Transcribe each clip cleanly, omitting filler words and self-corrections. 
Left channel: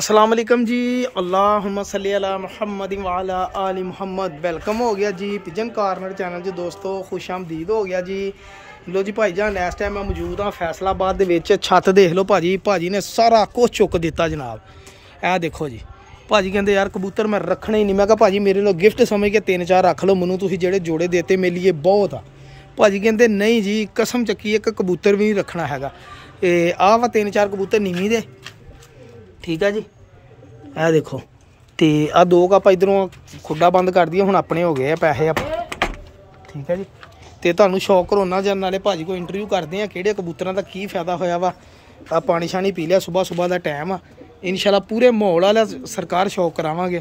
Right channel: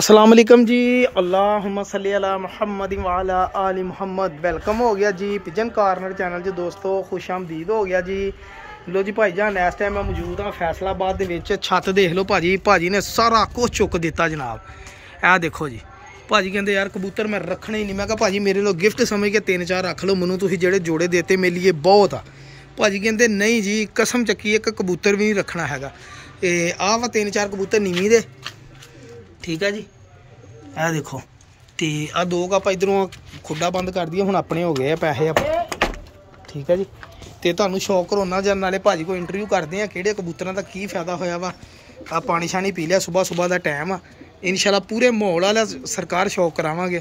अस्सलाम वालेकुम जी। अल्लाहुम्मा सल्ली अला मुहम्मद व अला आलि मुहम्मद। वेलकम हो गया जी पिजन कॉर्नर चैनल जी दोस्तों, खुश आमदीद हो गया जी। लो जी भाई जान, इस टाइम मैं मौजूद हाँ फैसलाबाद दे विच। छत देख लो भाजी, भाजी ने सारा कुछ चुक दिता जनाब। ए देखो जी, भाजी कहते यार कबूतर मैं रखने ही नहीं। मैं कहा भाजी मेरे लो गिफ्ट समझ के 3-4 रख लो, मैनू तुसीं जेड़े जोड़े देते मेरे लिए बहुत आ। भाजी कहते नहीं जी कसम चक्की एक कबूतर भी नहीं रखना हैगा। आ वा 3-4 कबूतर नीवी दे, ठीक है जी। ए देखो तो आ दो कप इधरों खुड्डा बंद कर दिया, हुण अपने हो गए पैसे, ठीक है जी। तो तुहानू शौक करोना जन नाले भाजी को इंटरव्यू करते हैं किहड़े कबूतरां दा की फायदा होया वा। आ पानी शानी पी लिया, सुबह सुबह का टाइम आ, इंशाल्लाह पूरे माहौल वाला सरकार शौक करावांगे।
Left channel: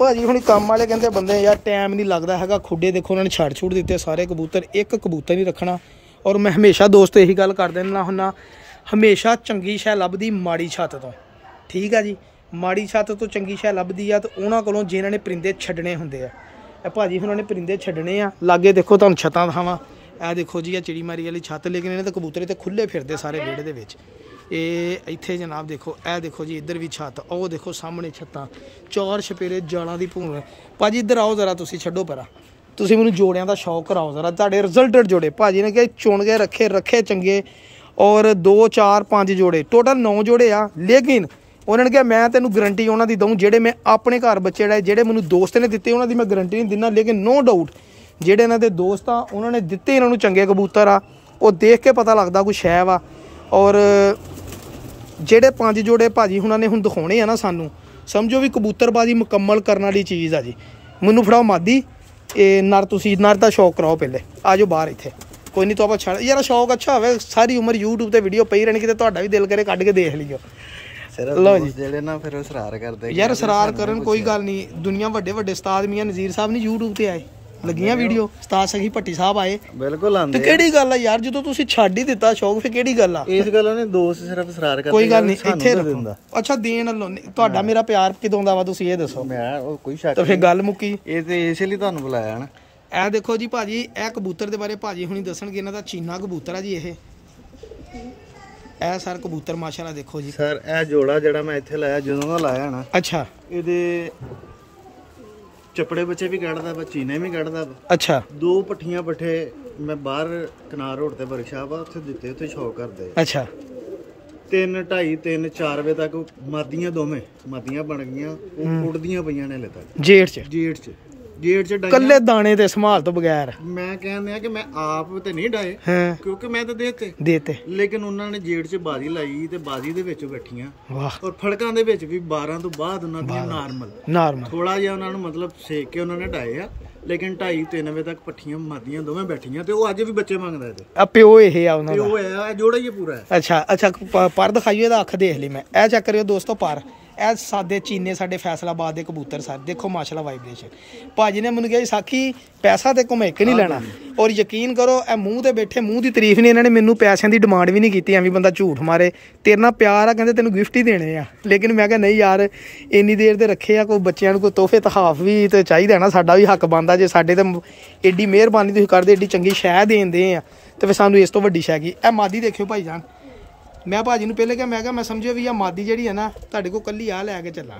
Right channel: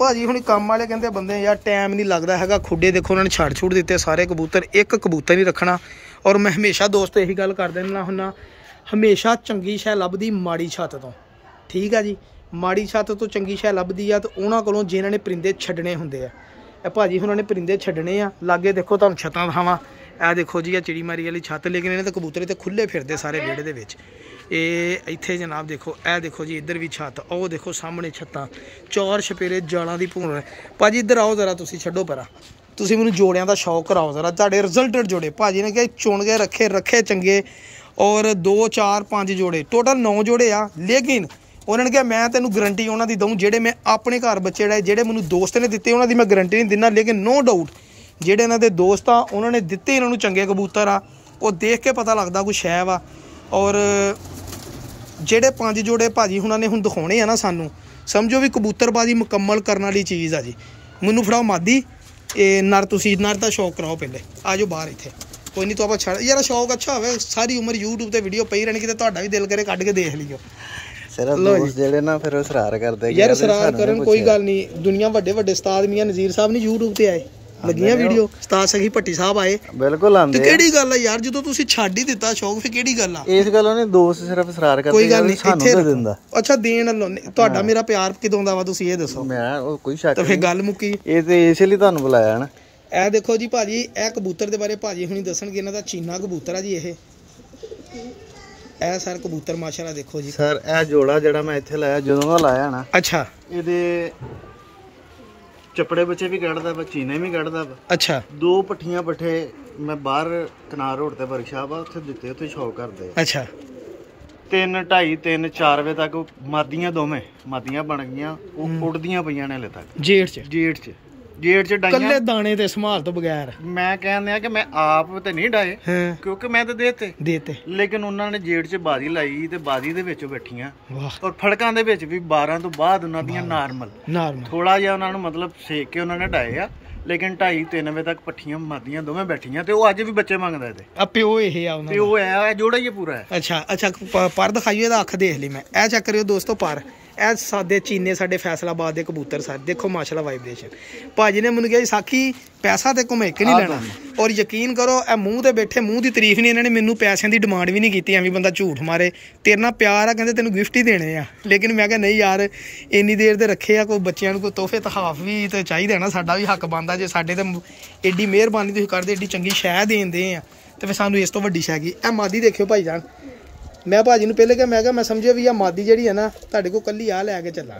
भाजी हुण काम वाले कहते बंदे यार टाइम नहीं लगता हैगा, खुड्डे देखो उन्होंने छड़ छुड़ दिते सारे कबूतर, एक कबूतर नहीं रखना। और मैं हमेशा दोस्त यही गल कर देना हुन्ना, हमेशा चंगी शै लभदी माड़ी छत तो, ठीक है जी। माड़ी छत तो चंगी शै लभदी आ, तो उन्होंने कोलों जिन्होंने ने परिंदे छड्डने हुंदे आ। भाजी उन्होंने परिंदे छड्डने आ। लागे देखो तुहानू छतां दिखावां, ए देखो जी चिड़ी मारी वाली छत, लेकिन इन्हें तो कबूतर तो खुले फिरदे सारे विहड़े दे विच। इत्थे जनाब देखो, ए देखो जी इधर भी छत, ओ देखो सामने छत्तां, 4 छपेरे जालां दी भून। भाजी इधर आओ जरा, तुसीं छड्डो परा, तुसीं मैनूं जोड़ियां दा शौक कराओ जरा। तुहाडे रिजल्टेड जोड़े भाजी ने कहा चुन के रखे चंगे, और 2 4 5 जोड़े टोटल 9 जोड़े आ। लेकिन उन्होंने कहा मैं तेनों गारंटी उन्होंने दूँ, जेडे मैं अपने घर बच्चे लाए जेडे मैनू दोस्त ने दिते उन्होंने मैं गारंटी नहीं दिना। लेकिन नो डाउट जेडे इन्हों के दोस्त आ उन्होंने दिते इन्हों चंगे कबूतर आ, वो देख के पता लगता कुछ है वा। और जेडे 5 जोड़े भाजी उन्होंने हुण दिखाने ना सानू, समझो भी कबूतरबाजी मुकम्मल करने वाली चीज़ आ जी। मैनू फड़ाओ मादी नर, तुसी नर का शौक कराओ पहले, आ जाओ बाहर इत्थे। कोई नहीं तो आप छड़ यार शौक अच्छा हो, सारी उम्र यूट्यूब पर वीडियो पई रहनी, कि तुहाडा भी दिल करे कढ़ के देख लियो। लो जी जेडे ना फिर सरार करदे यार, सरार करन कोई गल नहीं। दुनिया वड्डे वड्डे उस्ताद मियां नज़ीर साहब नहीं यूट्यूब ते आए, लगियां वीडियो, उस्ताद सखी भट्टी साहब आए, बिल्कुल आंदे। ते केड़ी गल है यार, जदों तुसीं छड्ड ही दिता शौक, फिर केड़ी गल आ? इस गल्लों नहीं दोस्त सिर्फ सरार करदे, कोई गल नहीं इत्थे रखो। अच्छा देन लो तुहाडा मेरा प्यार किदों दा वा तुसीं ये दसो। मैं कोई शक तो फिर गल मुक्की, ये ते इस लई तुहानू बुलाया है ना। ए देखो जी भाजी, ए कबूतर दे बारे भाजी हुणी दसणगे। इन्हां दा चीना कबूतर आ जी। ये ए सर कबूतर माशाल्लाह देखो जी सर, ए जोड़ा जेड़ा मैं इत्थे लाया जदों दा लाया ना, अच्छा इहदे चपड़े बच्चे भी कढ़दा वा, चीने भी कढ़दा वा। अच्छा 2 पट्ठियां पट्ठे मैं बाहर कनार रोड ते वर्कशाप आ उत्थे दिते, उत्थे शौक करदे। अच्छा 3 2:30 3 4 बजे तक मादियां दोवें मादियां बन गईयां, उड़दियां पईयां ने हले तक जेठ च कल्ले दाने ते संभाल तो बगैर। मैं कहने कि मैं आप ते नहीं डाए, क्योंकि मैं तो देते लेकिन उन्होंने जेठ च बाजी लाई ते बाजी दे विच बैठियां, और फड़कां दे विच भी 12 तो बाद उन्हां दियां नार्मल थोड़ा जिहा उन्हां नूं मतलब सेक के उन्होंने डाए आ। लेकिन 2:30 3 बजे तक पट्ठियां मादियां दोवें बैठियां, ते ओह अज भी बच्चे मंगदा ते आ प्यो इह आ उन्हां दा, प्यो है जोड़ा ही पूरा है। अच्छा पर दिखाइए एदा अख देख ली मैं। ए चेक करियो दोस्तों, पर ए सादे चीने साडे फैसलाबाद दे कबूतर सर देखो माशाल्लाह वाइब्रेशन। भाजी ने मैनूं कहा साखी पैसा ते कोई एक नहीं लेना, और यकीन करो ए मूँह ते बैठे, मूँह की तारीफ नहीं, इन्होंने मैनूं पैसों की डिमांड भी नहीं की, एवं बंदा झूठ मारे। तेरे नाल प्यार आ, कहते तेनों गिफ्ट ही देने आ। लेकिन मैं क्या नहीं यार, इन्नी देर दे रखे आ, कोई बच्चों को कोई तोहफे तहाफ भी तो चाहिए ना, साडा भी हक बनदा। जे साडे ते एड्डी मेहरबानी तुसीं करदे, एड्डी चंगी शै देन दे आ, तो फिर सानूं इस तो वड्डी शै की। ए मादी देखियो भाई जान, मैं भाजी नूं पहले क्या मैं समझिया भी आ मादी जिहड़ी है ना तुहाडे कोल कल्ली आ लैके चला।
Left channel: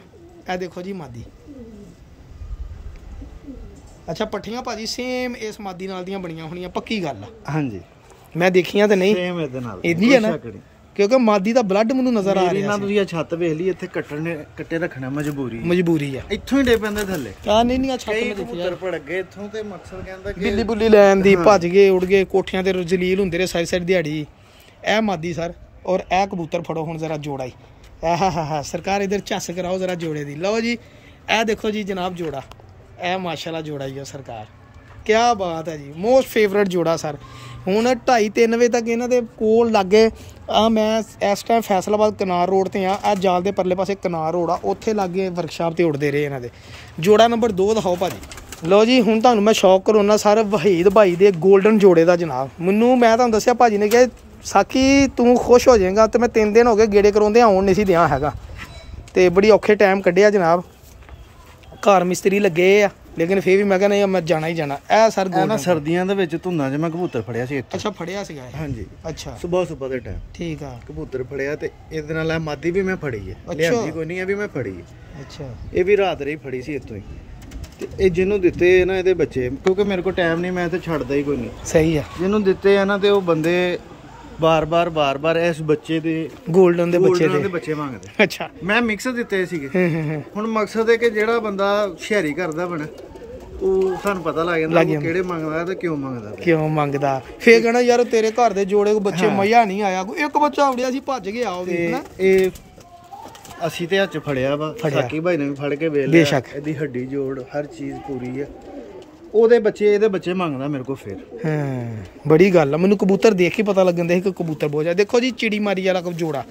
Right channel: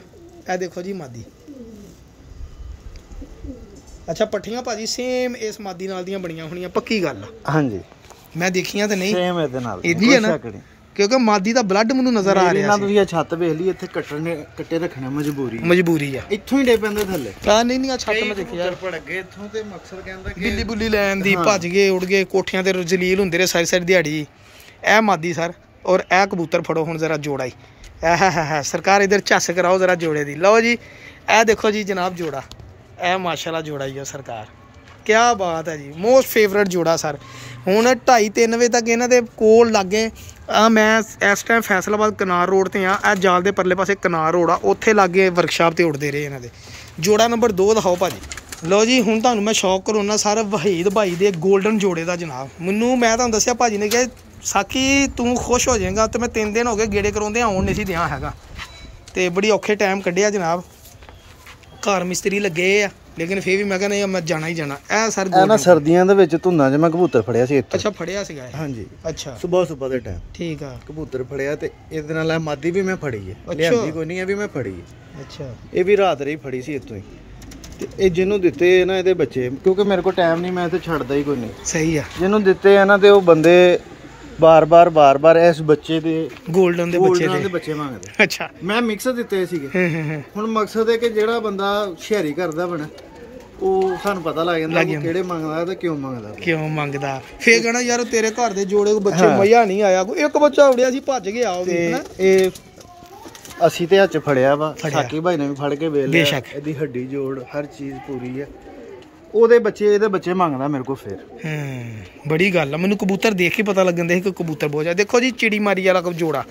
ए देखो जी मादी, अच्छा पट्ठियां भाजी सेम इस मादी नाल दियां बणियां होणियां, पक्की गल आ। हां जी मैं देखियां ते नहीं सेम इहदे नाल इजी है ना, क्योंकि मादी दा ब्लड मैनूं नजर आ रिहा सी। तुसीं छत वेख ली, इत्थे कट्टे रखना मजबूरी आ, इत्थों ही डे पैंदे थल्ले। हां नहीं छत मैं देखी यार पड़ गए इत्थों, ते मकसद कहंदा कि बिल्ली बुल्ली लैन दी भज गए उड़ गए, कोठियां ते जलील हुंदे रहे सारी दिहाड़ी। ए मादी सर, और ए कबूतर फड़ो हुण जरा जोड़ा ही, है सरकार इधर झस कराओ जरा जोड़े दी। लो जी ए देखो जी जनाब जोड़ा, ए माशाल्लाह जोड़ा ही है सरकार, क्या बात है जी, मोस्ट फेवरेट जोड़ा सर। हुण 2:30 3 बजे तक इन्हां दे कोल लागे मैं इस टाइम फैसलाबाद कनार रोड ते आ, जाल दे परले पासे कनार रोड आ, उत्थे लागे वर्कशाप ते उड़दे रहे इन्हां दे। जोड़ा नंबर 2 दिखाओ भाजी। लो जी हुण तुहानूं मैं शौक करोना सर वहीद भाई दे गोल्डन जोड़े दा जनाब। मैनूं मैं तुहानूं दस्सिया भाजी ने कहा साखी तू खुश हो जाएगा, तो मैं 3 दिन हो गए गेड़े कराउंदे आउण नहीं सी दियां हैगा, ते बड़ी औखे टाइम कड्ढिया जनाब। घर मिस्त्री लगे आ लेकिन फिर भी मैं कहना मैं जाना ही जाना। ए सर ना सर्दियां दे विच धुंदां च मैं कबूतर फड़िया सी इत्थे। अच्छा फड़िया सीगा? हां जी। अच्छा सुबह दे टाइम ठीक आ कबूतर फड़िया ते इहदे नाल मादी भी मैं फड़ी है। अच्छा कोई नहीं है भी मैं फड़ी है। अच्छा ये भी रात रही फड़ी सी इत्थों ते ए जिन्हों दित्ते ना इहदे बच्चे क्योंकि मेरे को टाइम नहीं मैं ते छड्डदा ही कोई नहीं। सही आ जिन्हों दित्ते है ना ते ओ बंदे बार-बार इस बच्चे दे गोल्डन दे बच्चे मांगदे। अच्छा मैं मिक्स दित्ते सीगे। हुण मकसद है कि जेड़ा बंदा शहरी करदा बने ਉਹ ਸਾਨੂੰ ਪਤਾ ਲੱਗ ਜਾਂਦਾ ਉਹ ਕਿਹੜੇ ਮੰਗਦਾ ਤੇ ਕਿਉਂ ਮੰਗਦਾ ਫੇਰ ਕਹਣਾ ਯਾਰ ਤੇਰੇ ਘਰ ਦੇ ਜੋੜੇ ਕੋ ਬੱਚੇ ਮਜ਼ਾ ਨਹੀਂ ਆਇਆ ਕੋਈ ਇੱਕ ਬੱਚਾ ਉੜਿਆ ਸੀ ਭੱਜ ਗਿਆ ਉਹ ਵੀ ਹਨਾ। ਇਹ ਅਸੀਂ ਤੇ ਹੱਥ ਫੜਿਆ ਵਾ ਸਾਕੀ ਭਾਈ ਨੇ ਵੀ ਫੜ ਕੇ ਵੇਖ ਲਿਆ ਇਹਦੀ ਹੱਡੀ ਜੋੜ ਹਰ ਚੀਜ਼ ਪੂਰੀ ਹੈ ਉਹਦੇ ਬੱਚੇ ਇਹਦੇ ਬੱਚੇ ਮੰਗਦਾ ਮੇਰੇ ਕੋ ਫਿਰ। ਬੜੀ ਗੱਲ ਆ ਮੈਨੂੰ ਕਬੂਤਰ ਦੇਖ ਕੇ ਪਤਾ ਲੱਗਣ ਦੇ ਕਿ ਕਬੂਤਰ ਬਹੁਤ ਆ। ਦੇਖੋ ਜੀ ਚਿੜੀ ਮਾਰੀ ਵਾਲਾ ਜੋੜਾ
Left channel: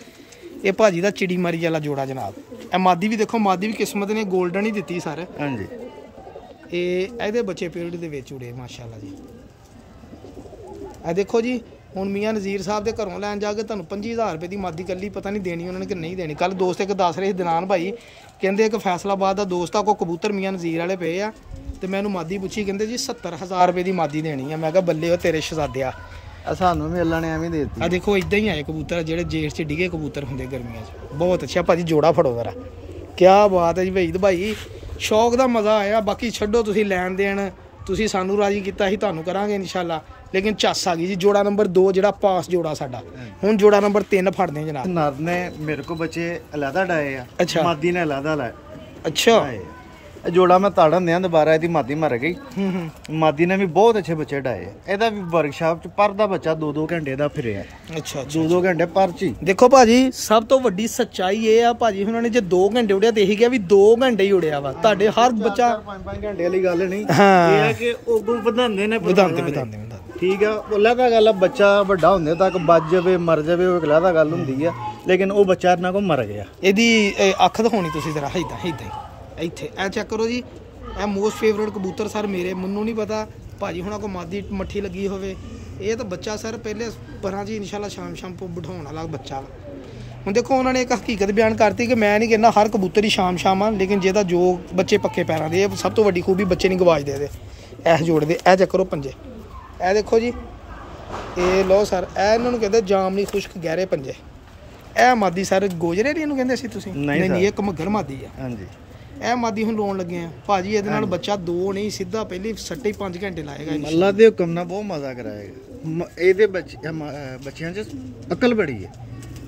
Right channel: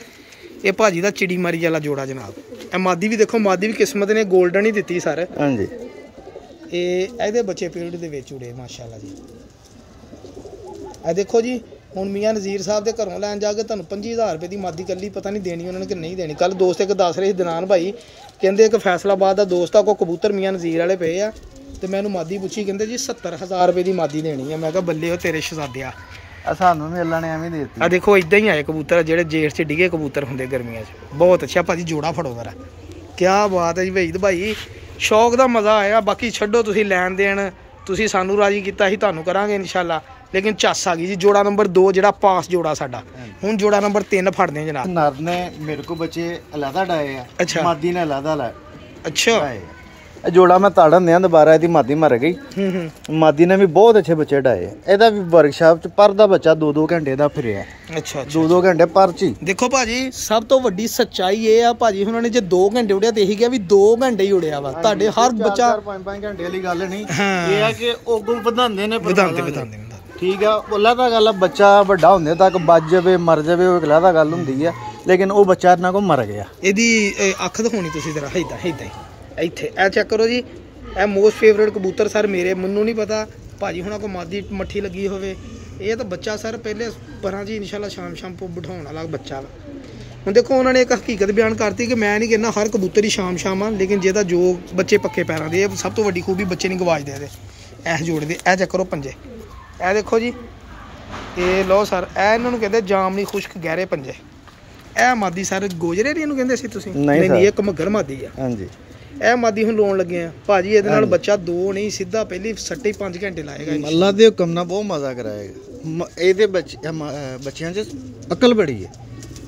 ਇਹ ਭਾਜੀ ਦਾ ਚਿੜੀ ਮਾਰੀ ਵਾਲਾ ਜੋੜਾ ਜਨਾਬ। ਇਹ ਮਾਦੀ ਵੀ ਦੇਖੋ ਮਾਦੀ ਵੀ ਕਿਸਮਤ ਨੇ ਗੋਲਡਨ ਹੀ ਦਿੱਤੀ ਸਰ। ਹਾਂਜੀ ਇਹਦੇ ਬੱਚੇ ਫੀਲਡ ਦੇ ਵਿੱਚ ਉੜੇ ਮਾਸ਼ਾਅੱਲਾ ਜੀ। ਇਹ ਦੇਖੋ ਜੀ ਹੁਣ ਮੀਆਂ ਨਜ਼ੀਰ ਸਾਹਿਬ ਦੇ ਘਰੋਂ ਲੈਣ ਜਾ ਕੇ ਤੁਹਾਨੂੰ 25000 ਰੁਪਏ ਦੀ ਮਾਦੀ ਕੱਲੀ ਪਤਾ ਨਹੀਂ ਦੇਣੀ ਉਹਨਾਂ ਨੇ ਕਿ ਨਹੀਂ ਦੇਣੀ। ਕੱਲ ਦੋਸਤ ਇੱਕ ਦੱਸ ਰਹੇ ਸੀ ਦਿਨਾਨ ਭਾਈ ਕਹਿੰਦੇ ਇੱਕ ਫੈਸਲਾਬਾਦ ਦਾ ਦੋਸਤ ਆ ਕੋ ਕਬੂਤਰ ਮੀਆਂ ਨਜ਼ੀਰ ਵਾਲੇ ਪਏ ਆ ਤੇ ਮੈਨੂੰ ਮਾਦੀ ਪੁੱਛੀ ਕਹਿੰਦੇ ਜੀ 70000 ਰੁਪਏ ਦੀ ਮਾਦੀ ਦੇਣੀ ਆ। ਮੈਂ ਕਿਹਾ ਬੱਲੇ ਉਹ ਤੇਰੇ ਸ਼ਹਜ਼ਾਦਿਆ ਸਾਨੂੰ ਵੀ ਅੱਲਾ ਨੇ ਐਵੇਂ ਦੇ ਦਿੱਤੀ। ਆ ਦੇਖੋ ਇਦਾਂ ਹੀ ਆਏ ਕਬੂਤਰ ਜਿਹੜੇ ਜੇਠ 'ਚ ਡਿਗੇ ਕਬੂਤਰ ਹੁੰਦੇ ਗਰਮੀਆਂ 'ਚ। ਬਹੁਤ ਅੱਛਾ ਭਾਜੀ ਜੋੜਾ ਫੜੋ ਜ਼ਰਾ ਕਿਆ ਬਾਤ ਹੈ ਜੀ ਵਹੀਦ ਭਾਈ ਸ਼ੌਕ ਦਾ ਮਜ਼ਾ ਆਇਆ। ਬਾਕੀ ਛੱਡੋ ਤੁਸੀਂ ਲੈਣ ਦੇਣ ਤੁਸੀਂ ਸਾਨੂੰ ਰਾਜੀ ਕੀਤਾ ਸੀ ਤੁਹਾਨੂੰ ਕਰਾਂਗੇ ਇਨਸ਼ਾਅੱਲਾ ਲੇਕਿਨ ਚੱਸ ਆ ਗਈ ਜੀ। ਜੋੜਾ ਨੰਬਰ 2 ਜਿਹੜਾ ਪਾਸ ਜੋੜਾ ਸਾਡਾ ਹੁਣ ਜੋੜਾ ਨੰਬਰ 3 ਫੜਦੇ ਜਨਾਬ। ਨਰ ਨੇ ਮੇਰੇ ਕੋ ਬੱਚੇ ਅਲੱਗਾ ਡਾਏ ਆ। ਅੱਛਾ ਮਾਦੀ ਨੇ ਅਲੱਗਾ ਲਾਏ। ਅੱਛਾ ਜੋੜਾ ਮੈਂ ਤਾੜਨ ਦਿਆਂ ਦੁਬਾਰਾ ਇਹਦੀ ਮਾਦੀ ਮਰ ਗਈ। ਮਾਦੀ ਨੇ ਵੀ ਬਹੁਤ ਅੱਛੇ ਬੱਚੇ ਡਾਏ। ਇਹਦਾ ਵੀ ਵਰਕਸ਼ਾਪ ਚ ਪਰ ਦਾ ਬੱਚਾ 2-2 ਘੰਟੇ ਦਾ ਫਿਰਿਆ। ਅੱਛਾ 2-2 ਘੰਟੇ ਪਰ ਚ। ਦੇਖੋ ਭਾਜੀ ਸਭ ਤੋਂ ਵੱਡੀ ਸੱਚਾਈ ਇਹ ਆ ਭਾਜੀ ਉਹਨਾਂ ਨੇ ਜੇ 2 ਘੰਟੇ ਉੜਿਆ ਤੇ ਇਹੀ ਕਿਹਾ ਵੀ 2 ਘੰਟੇ ਹੀ ਉੜਿਆ ਵਾ। ਤੁਹਾਡੇ ਹਰ ਬੱਚਾ 5-5 ਘੰਟੇ ਵਾਲੀ ਗੱਲ ਨਹੀਂ ਇਹ ਆ ਕਿ ਉਗੋਂ ਵਧਾਉਂਦੇ ਨੇ ਵਧਾਉਂਦੇ ਠੀਕ ਆ। ਉਹਲਾ ਤਾਂ ਗੱਲ ਬੱਚਾ ਵੱਡਾ ਹੁੰਦੇ ਤੱਕ ਵੱਜ ਜਾਵੇ ਮਰ ਜਾਵੇ ਉਹ ਅਗਲਾ ਤਾਂ ਗੱਲ ਹੁੰਦੀ ਆ ਲੇਕਿਨ ਉਹ ਬੱਚਾ ਇਹਨਾਂ ਕੋਲ ਮਰ ਗਿਆ। ਇਹਦੀ ਅੱਖ ਦਿਖਾਉਣੀ ਤੁਸੀਂ ਜ਼ਰਾ ਏਦਾਂ ਏਦਾਂ ਹੀ ਇੱਥੇ ਇਹ ਚੈੱਕ ਕਰੋ ਜੀ। ਇਹ ਮੋਸਟ ਫੇਵਰੇਟ ਕਬੂਤਰ ਸਰ ਮੇਰੇ ਮੈਨੂੰ ਨਹੀਂ ਪਤਾ ਭਾਜੀ ਹੁਣਾਂ ਕੋ ਮਾਦੀ ਮੱਠੀ ਲੱਗੀ ਹੋਵੇ। ਇਹ ਤਾਂ ਬੱਚਾ ਸਰ ਪਹਿਲੇ ਪਰਾਂ ਜੀ ਇਨਸ਼ਾਅੱਲਾ ਸ਼ਾਮ ਕੋ ਬਿਠਾਉਣ ਵਾਲਾ ਬੱਚਾ ਵਾ। ਹੁਣ ਦੇਖੋ ਉਹਨਾਂ ਨੇ ਇੱਕ ਹਕੀਕਤ ਬਿਆਨ ਕਰਤੀ ਕਿ ਮੈਂ ਨਹੀਂ ਕਹਿੰਦਾ ਹਰ ਕਬੂਤਰ ਹੀ ਸ਼ਾਮ ਆ ਲੇਕਿਨ ਜਿਹਦਾ ਜੋ ਬੱਚੇ ਪੱਕੇ ਪੈਰਾਂ ਦੇ ਇਹ ਸਭ ਤੋਂ ਵੱਡੀ ਖੂਬੀ ਬੱਚੇ ਨਹੀਂ ਗਵਾਚਦੇ ਇਹਦੇ। ਇਹ ਜੋੜੇ ਦੇ ਇਹ ਚੈੱਕ ਕਰੋ ਪੰਜੇ ਇਹ ਦੇਖੋ ਜੀ। ਇਹ ਲਓ ਸਰ ਇਹ ਇਹਨਾਂ ਨੂੰ ਕਹਿੰਦੇ ਜਾਮਨੀ ਖੁਸ਼ਕ ਗਹਿਰੇ ਪੰਜੇ। ਇਹ ਮਾਦੀ ਸਰ ਗੋਜਰੇ ਇਹਨੂੰ ਕਹਿੰਦੇ ਸੀ ਤੁਸੀਂ? ਨਹੀਂ ਇਹ ਇੱਕ ਮੱਘਰ ਮਾਦੀ ਆ। ਹਾਂਜੀ ਇਹ ਮਾਦੀ ਹੁਣ ਲਾਉਣ ਲੱਗੇ ਆ ਭਾਜੀ ਇਹਦੇ ਨਾਲ ਬੱਚਾ 2 ਨਹੀਂ ਸਿੱਧਾ ਪਹਿਲੀ ਸੱਟੇ 5 ਘੰਟੇ ਲਾਏਗਾ। ਅੱਲਾ ਦੇ ਹੁਕਮ ਨਾਲ ਬਹੁਤ ਮਜ਼ਾ ਕਰਾਏਗਾ। ਇਹਦੇ ਬੱਚਿਆਂ 'ਚ ਅਕਲ ਬੜੀ ਹੈ।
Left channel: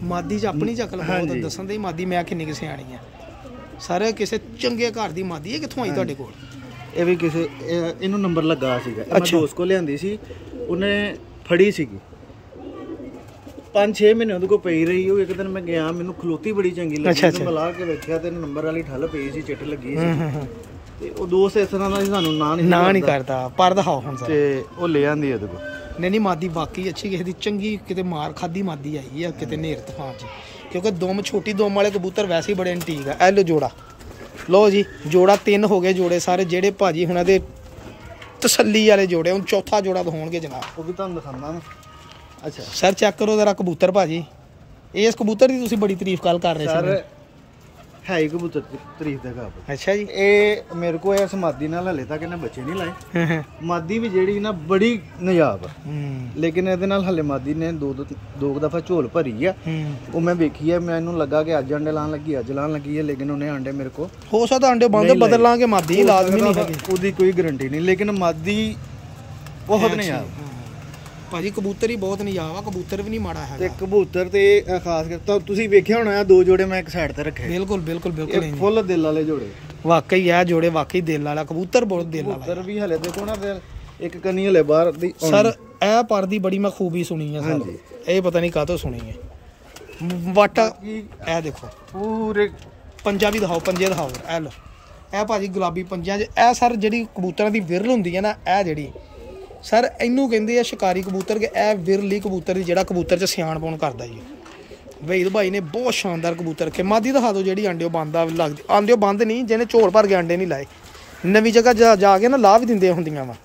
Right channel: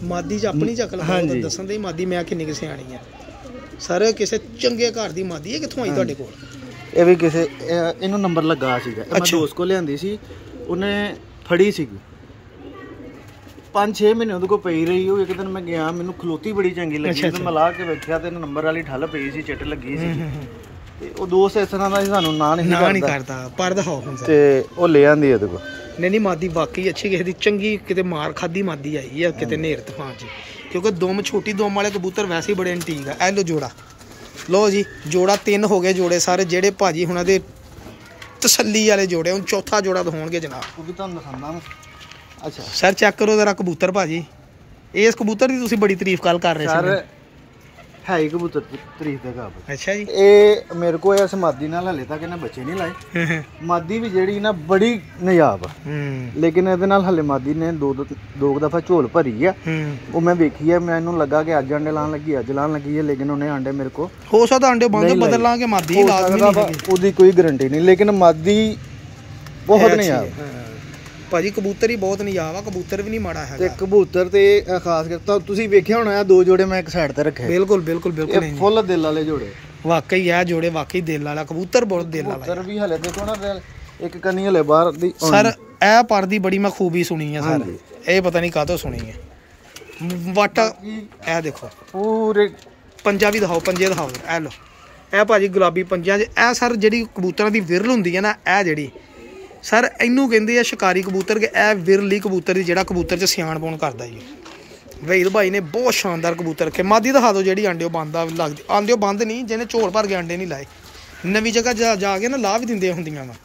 ਮਾਦੀ 'ਚ ਆਪਣੀ 'ਚ ਅਕਲ ਬਹੁਤ ਦੱਸਣ ਦੇ ਮਾਦੀ ਮੈਂ ਕਿੰਨੀ ਕੁ ਸਿਆਣੀ ਆ ਸਰ। ਕਿਸੇ ਚੰਗੇ ਘਰ ਦੀ ਮਾਦੀ ਹੈ ਕਿੱਥੋਂ ਆਈ ਤੁਹਾਡੇ ਕੋਲ? ਇਹ ਵੀ ਕਿਸੇ ਇਹਨੂੰ ਨੰਬਰ ਲੱਗਾ ਸੀਗਾ ਮੈਂ ਦੋਸਤ ਕੋਲ ਲਿਆਂਦੀ ਸੀ ਉਹਨੇ ਫੜੀ ਸੀਗੀ 5-6 ਮਹੀਨੇ ਉਹਦੇ ਕੋਲ ਪਈ ਰਹੀ। ਉਹ ਇੱਕ ਦਿਨ ਮੈਂ ਗਿਆ ਮੈਨੂੰ ਖਲੋਤੀ ਬੜੀ ਚੰਗੀ ਲੱਗੀ ਤੇ ਮੈਂ ਲਾ ਕੇ ਵੇਖਿਆ ਤੇ ਨੰਬਰ ਵਾਲੀ ਠੱਲ ਪਈ ਸੀ ਚਿੱਟ ਲੱਗੀ ਸੀ ਤੇ ਉਹ ਦੋਸਤ ਇਸ ਤਰ੍ਹਾਂ ਦਾ ਸਾਨੂੰ ਨਾ ਨਹੀਂ ਕਰਦਾ ਪਰ ਦਿਖਾਓ ਹੁਣ ਤੇ ਉਹ ਲੈ ਆਂਦੀ ਉਹਦੇ ਕੋਲ। ਨਹੀਂ ਮਾਦੀ ਵਾਕਈ ਅੱਛੀ ਕਿਸੇ ਦੀ ਚੰਗੀ ਕਿਤੇ ਮਾਰ ਖਾਦੀ ਮਾਦੀ ਆਈ ਆ ਕਿਤੇ ਨੇਰ ਤੂਫਾਨ 'ਚ ਕਿਉਂਕਿ ਦੁਮ ਛੋਟੀ ਦੁਮ ਵਾਲੇ ਕਬੂਤਰ ਵੈਸੇ ਹੀ ਬੜੇ ਐਂਟੀਕ ਆ। ਇਹ ਲੋ ਜੋੜਾ ਲੋ ਜੀ ਜੋੜਾ 3 ਹੋ ਗਏ ਜੋੜੇ ਸਾਰੇ ਜਿਹੜੇ ਭਾਜੀ ਹੁਣਾਂ ਦੇ ਤਸੱਲੀ ਵਾਲੇ ਜੋੜੇ। ਹੁਣ ਚੌਥਾ ਜੋੜਾ ਦਿਖਾਉਣਗੇ ਜਨਾਬ ਉਹ ਵੀ ਤੁਹਾਨੂੰ ਦਿਖਾਉਂਦਾ। ਅੱਛਾ ਸਰ ਚੈੱਕ ਕਰੋ ਜ਼ਰਾ ਕਬੂਤਰ ਭਾਜੀ। ਇਸ ਕਬੂਤਰ ਦੀ ਤੁਸੀਂ ਬੜੀ ਤਾਰੀਫ ਕੱਲ ਕਰ ਰਹੇ ਸੀ। ਸਰ ਹੈ ਹੀ ਕਬੂਤਰ ਤਾਰੀਫ ਦਾ ਕਾਬਿਲ। ਅੱਛਾ ਜੀ ਇਹ ਮੇਰੇ ਕੋਲ ਇਸ ਮਾਦੀ ਨਾਲ ਹਲੇ ਤੱਕ ਇਹਨੇ ਬੱਚੇ ਨਹੀਂ ਲਾਏ। ਮਾਦੀ ਵੀ ਜਿਹੜੀ ਨਾ ਬੜੀ ਨਜਾਬ ਆ ਲੇਕਿਨ ਇਹਦੇ ਨਾਲ ਹਲੇ ਮਾਦੀ ਨੇ ਦੋ ਦਫਾ ਝੋਲ ਭਰੀ ਆ। ਉਹ ਮੈਂ ਵੇਖੀ ਆ ਮੈਨੂੰ ਲੱਗਾ ਕਿ ਅੱਜ ਅੰਡੇ ਲਾਣ ਲੱਗੀ ਅੱਜ ਲਾਣ ਲੱਗੀ ਹੈ ਲੇਕਿਨ ਉਹਨੇ ਅੰਡੇ ਮੇਰੇ ਕੋ ਹੋ ਸਕਦਾ ਅੰਡੇ ਬੰਦ ਬਦਲ ਲਾਂਗੇ ਮਾਦੀ ਲਾਜ਼ਮੀ ਨਹੀਂ ਹੈਗੀ ਉਹਦੀ ਕੋਈ ਗਰੰਟੀ ਨਹੀਂ ਲੇਕਿਨ ਮਾਦੀ ਬਹੁਤ ਨਜਾਬ ਭਾਜੀ। ਕਬੂਤਰ ਹੀ ਬਹੁਤ ਨਜਾਬ ਆ ਕਬੂਤਰ ਵੀ ਨਹੀਂ ਮਾੜਾ ਹੈਗਾ। ਕਬੂਤਰ ਤੇ ਖਾਸ ਕਰਕੇ ਤੁਸੀਂ ਵੇਖਿਆ ਹੋਣਾ 2 ਜੋੜੇ ਮੈਂ ਇੱਕ ਸਾਈਡ ਤੇ ਰੱਖੇ। ਬਿਲਕੁਲ ਫੁੱਲ ਦਿਲ ਵਾਲੇ ਜੋੜੇ ਵਾਕਈ ਇਹ ਜੋੜੇ ਵਾਕਈ ਦਿਲ ਵਾਲਾ ਕਬੂਤਰ ਬਹੁਤ ਦਿਲ ਵਾਲਾ। ਕਬੂਤਰ ਵੀ ਹਲੇ ਦੇਖੋ ਨਾ ਇੱਕ ਕੰਨੀ ਹਲੇ ਬਾਹਰ ਦੀ ਸਰ। ਇਹ ਪਰ ਦੀ ਬੜੀ ਮੈਂ ਖੂਬੀ ਸੁਣੀ ਹੈ ਸਰ। ਇਹ ਪਤਾ ਨਹੀਂ ਕਾਹਤੋਂ ਸੁਣੀ ਹੈ ਵਾਟਾ। ਇਹ ਦੇਖੋ ਪੂਰੇ ਪੰਜਾ ਵੀ ਦਿਖਾਓ ਪੰਜੇ ਦਿਖਾਓ। ਇਹ ਲੋ ਇਹ ਭਾਜੀ ਗੁਲਾਬੀ ਪੰਜਿਆਂ 'ਚ ਇਹ ਸਰ ਜਿਹੜੀ ਕਬੂਤਰਾਂ ਦੀ ਵਿਰਲ ਹੁੰਦੀ ਹੈ ਨਾ ਇਹ ਜਿਹੜੀ ਸਰ ਇਹਨੂੰ ਕਹਿੰਦੇ ਆ ਸ਼ਿਕਾਰੀ ਕਬੂਤਰ ਕਿ ਇਹ ਵਿਰਲੀ ਕਬੂਤਰ ਦੀ ਜਿਹੜਾ ਕਬੂਤਰ 'ਚ ਸਿਆਣ ਪਾਉਣ ਕਰਦਾ ਜੀ। ਵਹੀਦ ਭਾਈ ਨੇ ਬਹੁਤ ਸ਼ਾਨਦਾਰ ਕਬੂਤਰ ਰੱਖੇ। ਮਾਦੀ ਦਿਖਾ ਦਿਓ ਜਿਹੜੀ ਆਂਡਿਓ ਬੰਦ ਲੱਗਦੀ ਆਂਡਿਓ ਬੰਦ ਨਹੀਂ ਜਿਹਨੇ ਝੋਲ ਭਰ ਕੇ ਆਂਡੇ ਨਹੀਂ ਲਾਏ। ਨਵੀਂ ਜਗ੍ਹਾ ਜਾ ਕੇ ਨਾ ਲਾਹ ਵੀ ਦਿੰਦੇ ਹੁੰਦੀਆਂ ਵਾ।